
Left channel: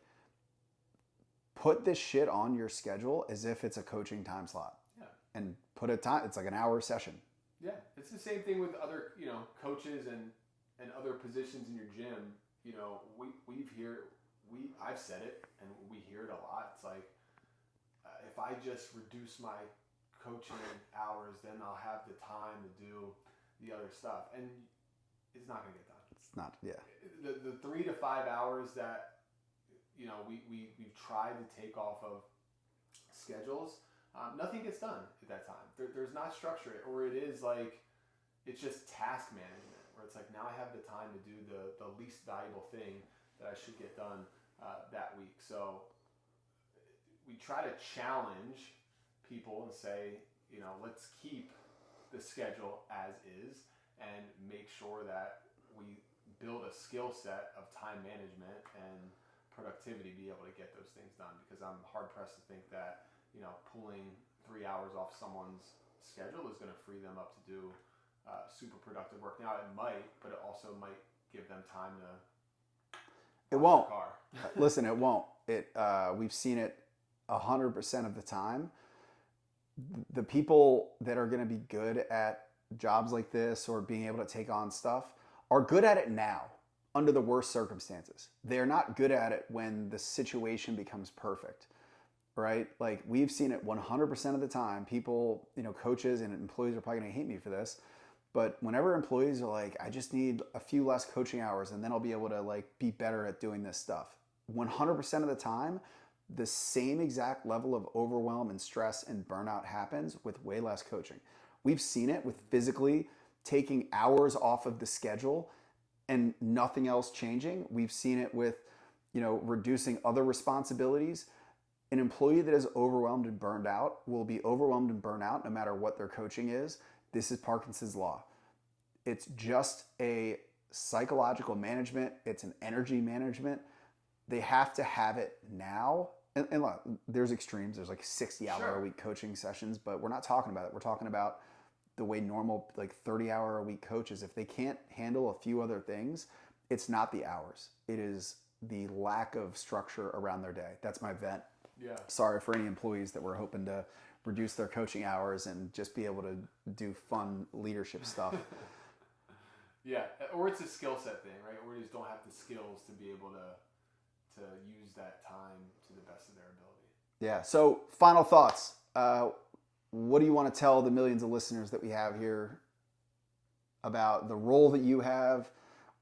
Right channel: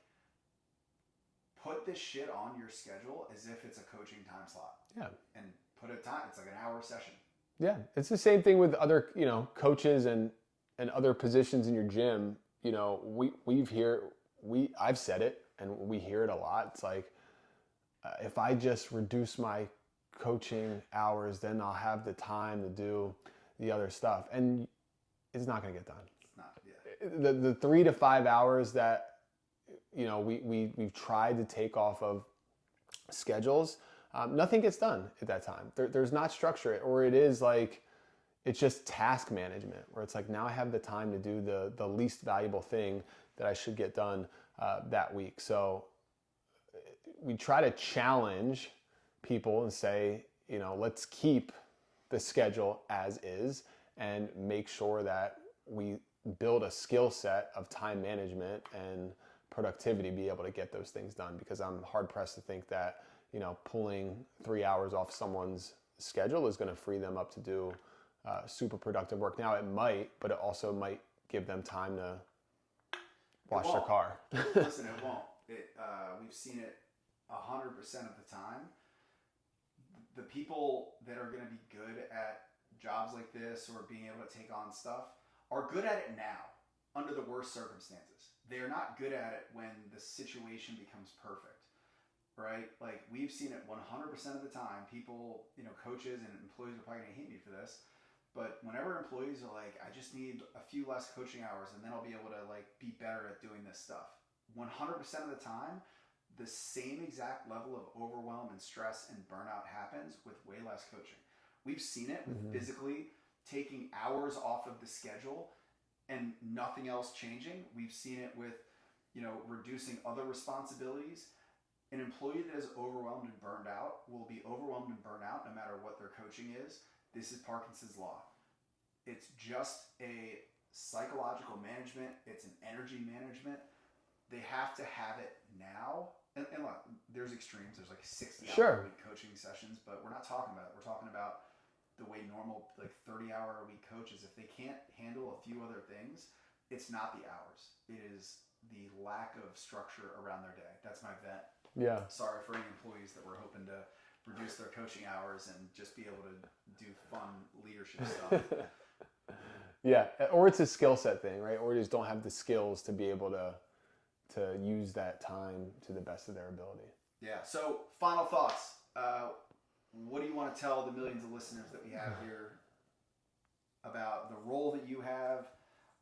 put this shit on your schedule as if it's a coaching time slot. Yeah. And put a time, it's like an hour session. Yeah. It's the same thing with other, you know, coaches and other positions in your gym. You know, I've said it and we hear it a lot. It's like, if I just reduce my coaching hours, then I'll have the time to do the other stuff. And it's not going to get done. It's not, yeah. The 3 to 5 hours that, you know, we've tried to take off of schedules, nothing gets done at that time. There's not structure, or it is like, it's just task management, where it's like, now I have the time to do the least valuable thing that I should get done that week. So we try to challenge people and say, you know, let's keep the schedule as is and make sure that we build a skill set of time management and productivity, be able to get those things done. Because I'm hard pressed to think that, you know, pulling 3 hours off someone's schedule is going to free them up to do super productive work. Now it might, but it also might give them time to wash their car. Listen, it won't. We've seen it 100% of the time. The people that are going to be good at jobs like this or being able to take on stuff are good at it now under the worst circumstances. They're not good at it when the situation becomes perfect, right? Like we've seen it 100% of the time. People, you know, coaches and employees are probably going to hate me for this, but whenever employees are like, I just need a few less coaching hours and then I'll be able to like be better at doing this stuff. 100% of the time, the same exact level of overwhelm and stress and burnout happens with way less coaching. We've seen it with physically taking hours off of the schedule and nothing else changing. We've seen it with, you know, reducing other responsibilities. An employee that is overwhelmed and burned out will be overwhelmed and burnt out no matter what their coaching is. This is Parkinson's law. It's just a psychological management. It's an energy management. They have to have it now. And look, there's extremes. There's like 60-hour-a-week coaching sessions, but we're not talking about it. We're talking about the way normal, like 30-hour-a-week coaches, if they can't handle a few other things, it's not the hours. It is the lack of structure around their day. That's my vent. Yeah. Sorry for any employees that were hoping to reduce their coaching hours and just be able to do fun leadership stuff. Yeah. Or it's a skill set thing, right? Or you just don't have the skills to be able to use that time to the best of their ability. Yeah. So final thoughts. What do you want to tell the millions of listeners that we have here about the role that you have,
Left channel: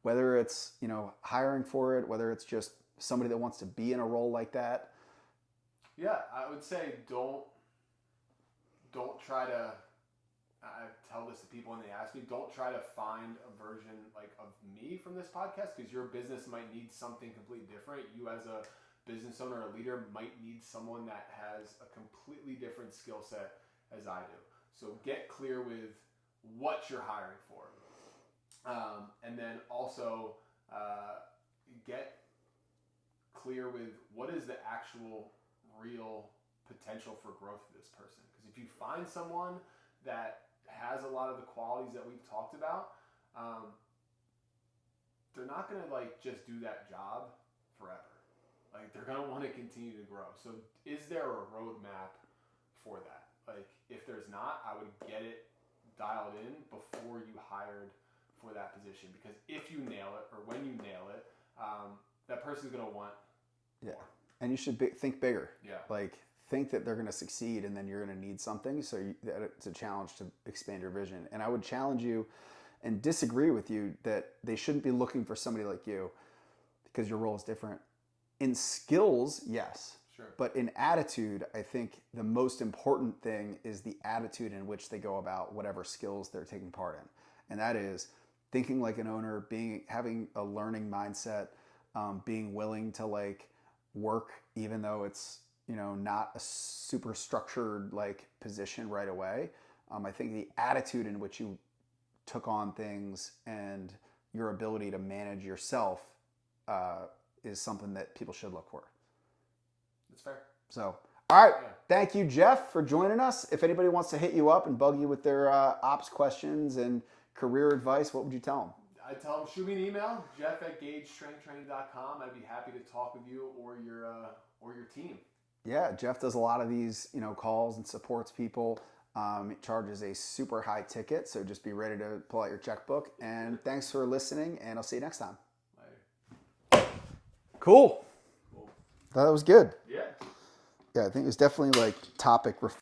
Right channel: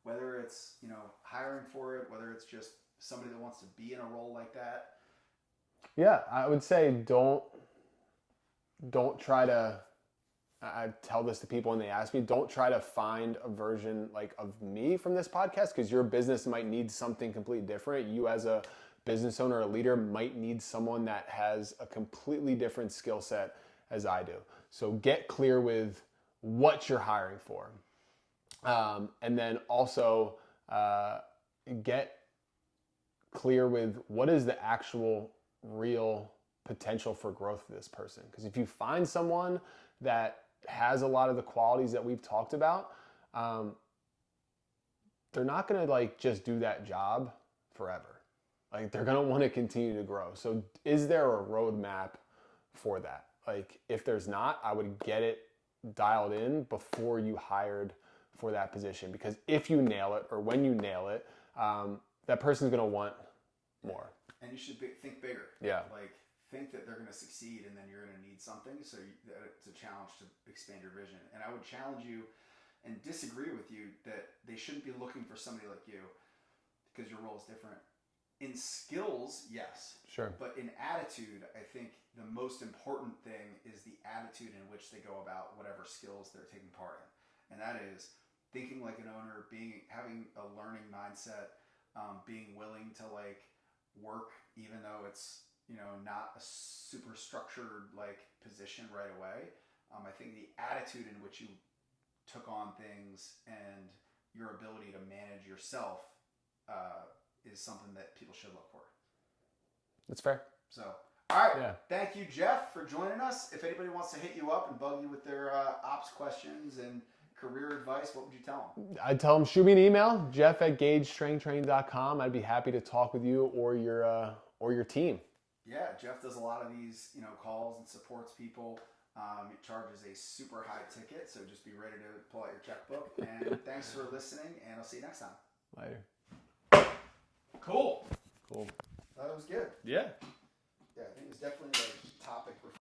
whether it's, you know, hiring for it, whether it's just somebody that wants to be in a role like that? Yeah, I would say don't try to, I tell this to people when they ask me, don't try to find a version like of me from this podcast, because your business might need something completely different. You as a business owner or leader might need someone that has a completely different skill set as I do. So get clear with what you're hiring for. And then also get clear with what is the actual real potential for growth for this person. Because if you find someone that has a lot of the qualities that we've talked about, they're not going to like just do that job forever. Like they're going to want to continue to grow. So is there a roadmap for that? Like if there's not, I would get it dialed in before you hired for that position, because if you nail it or when you nail it, that person's going to want more. And you should think bigger. Yeah. Like, think that they're going to succeed and then you're going to need something. So it's a challenge to expand your vision. And I would challenge you and disagree with you that they shouldn't be looking for somebody like you because your role is different. In skills, yes. Sure. But in attitude, I think the most important thing is the attitude in which they go about whatever skills they're taking part in. And that is thinking like an owner, having a learning mindset, being willing to like work even though it's, you know, not a super structured like position right away. I think the attitude in which you took on things and your ability to manage yourself is something that people should look for. That's fair. So, all right. Yeah. Thank you, Jeff, for joining us. If anybody wants to hit you up and bug you with their ops questions and career advice, what would you tell them? I'd tell them, shoot me an email, jeff@gagestrengthtraining.com. I'd be happy to talk with you or your team. Yeah, Jeff does a lot of these, you know, calls and supports people. It charges a super high ticket, so just be ready to pull out your checkbook. And thanks for listening, and I'll see you next time. Later. Cool. Cool. Thought that was good. Yeah. Yeah, I think it was definitely like topic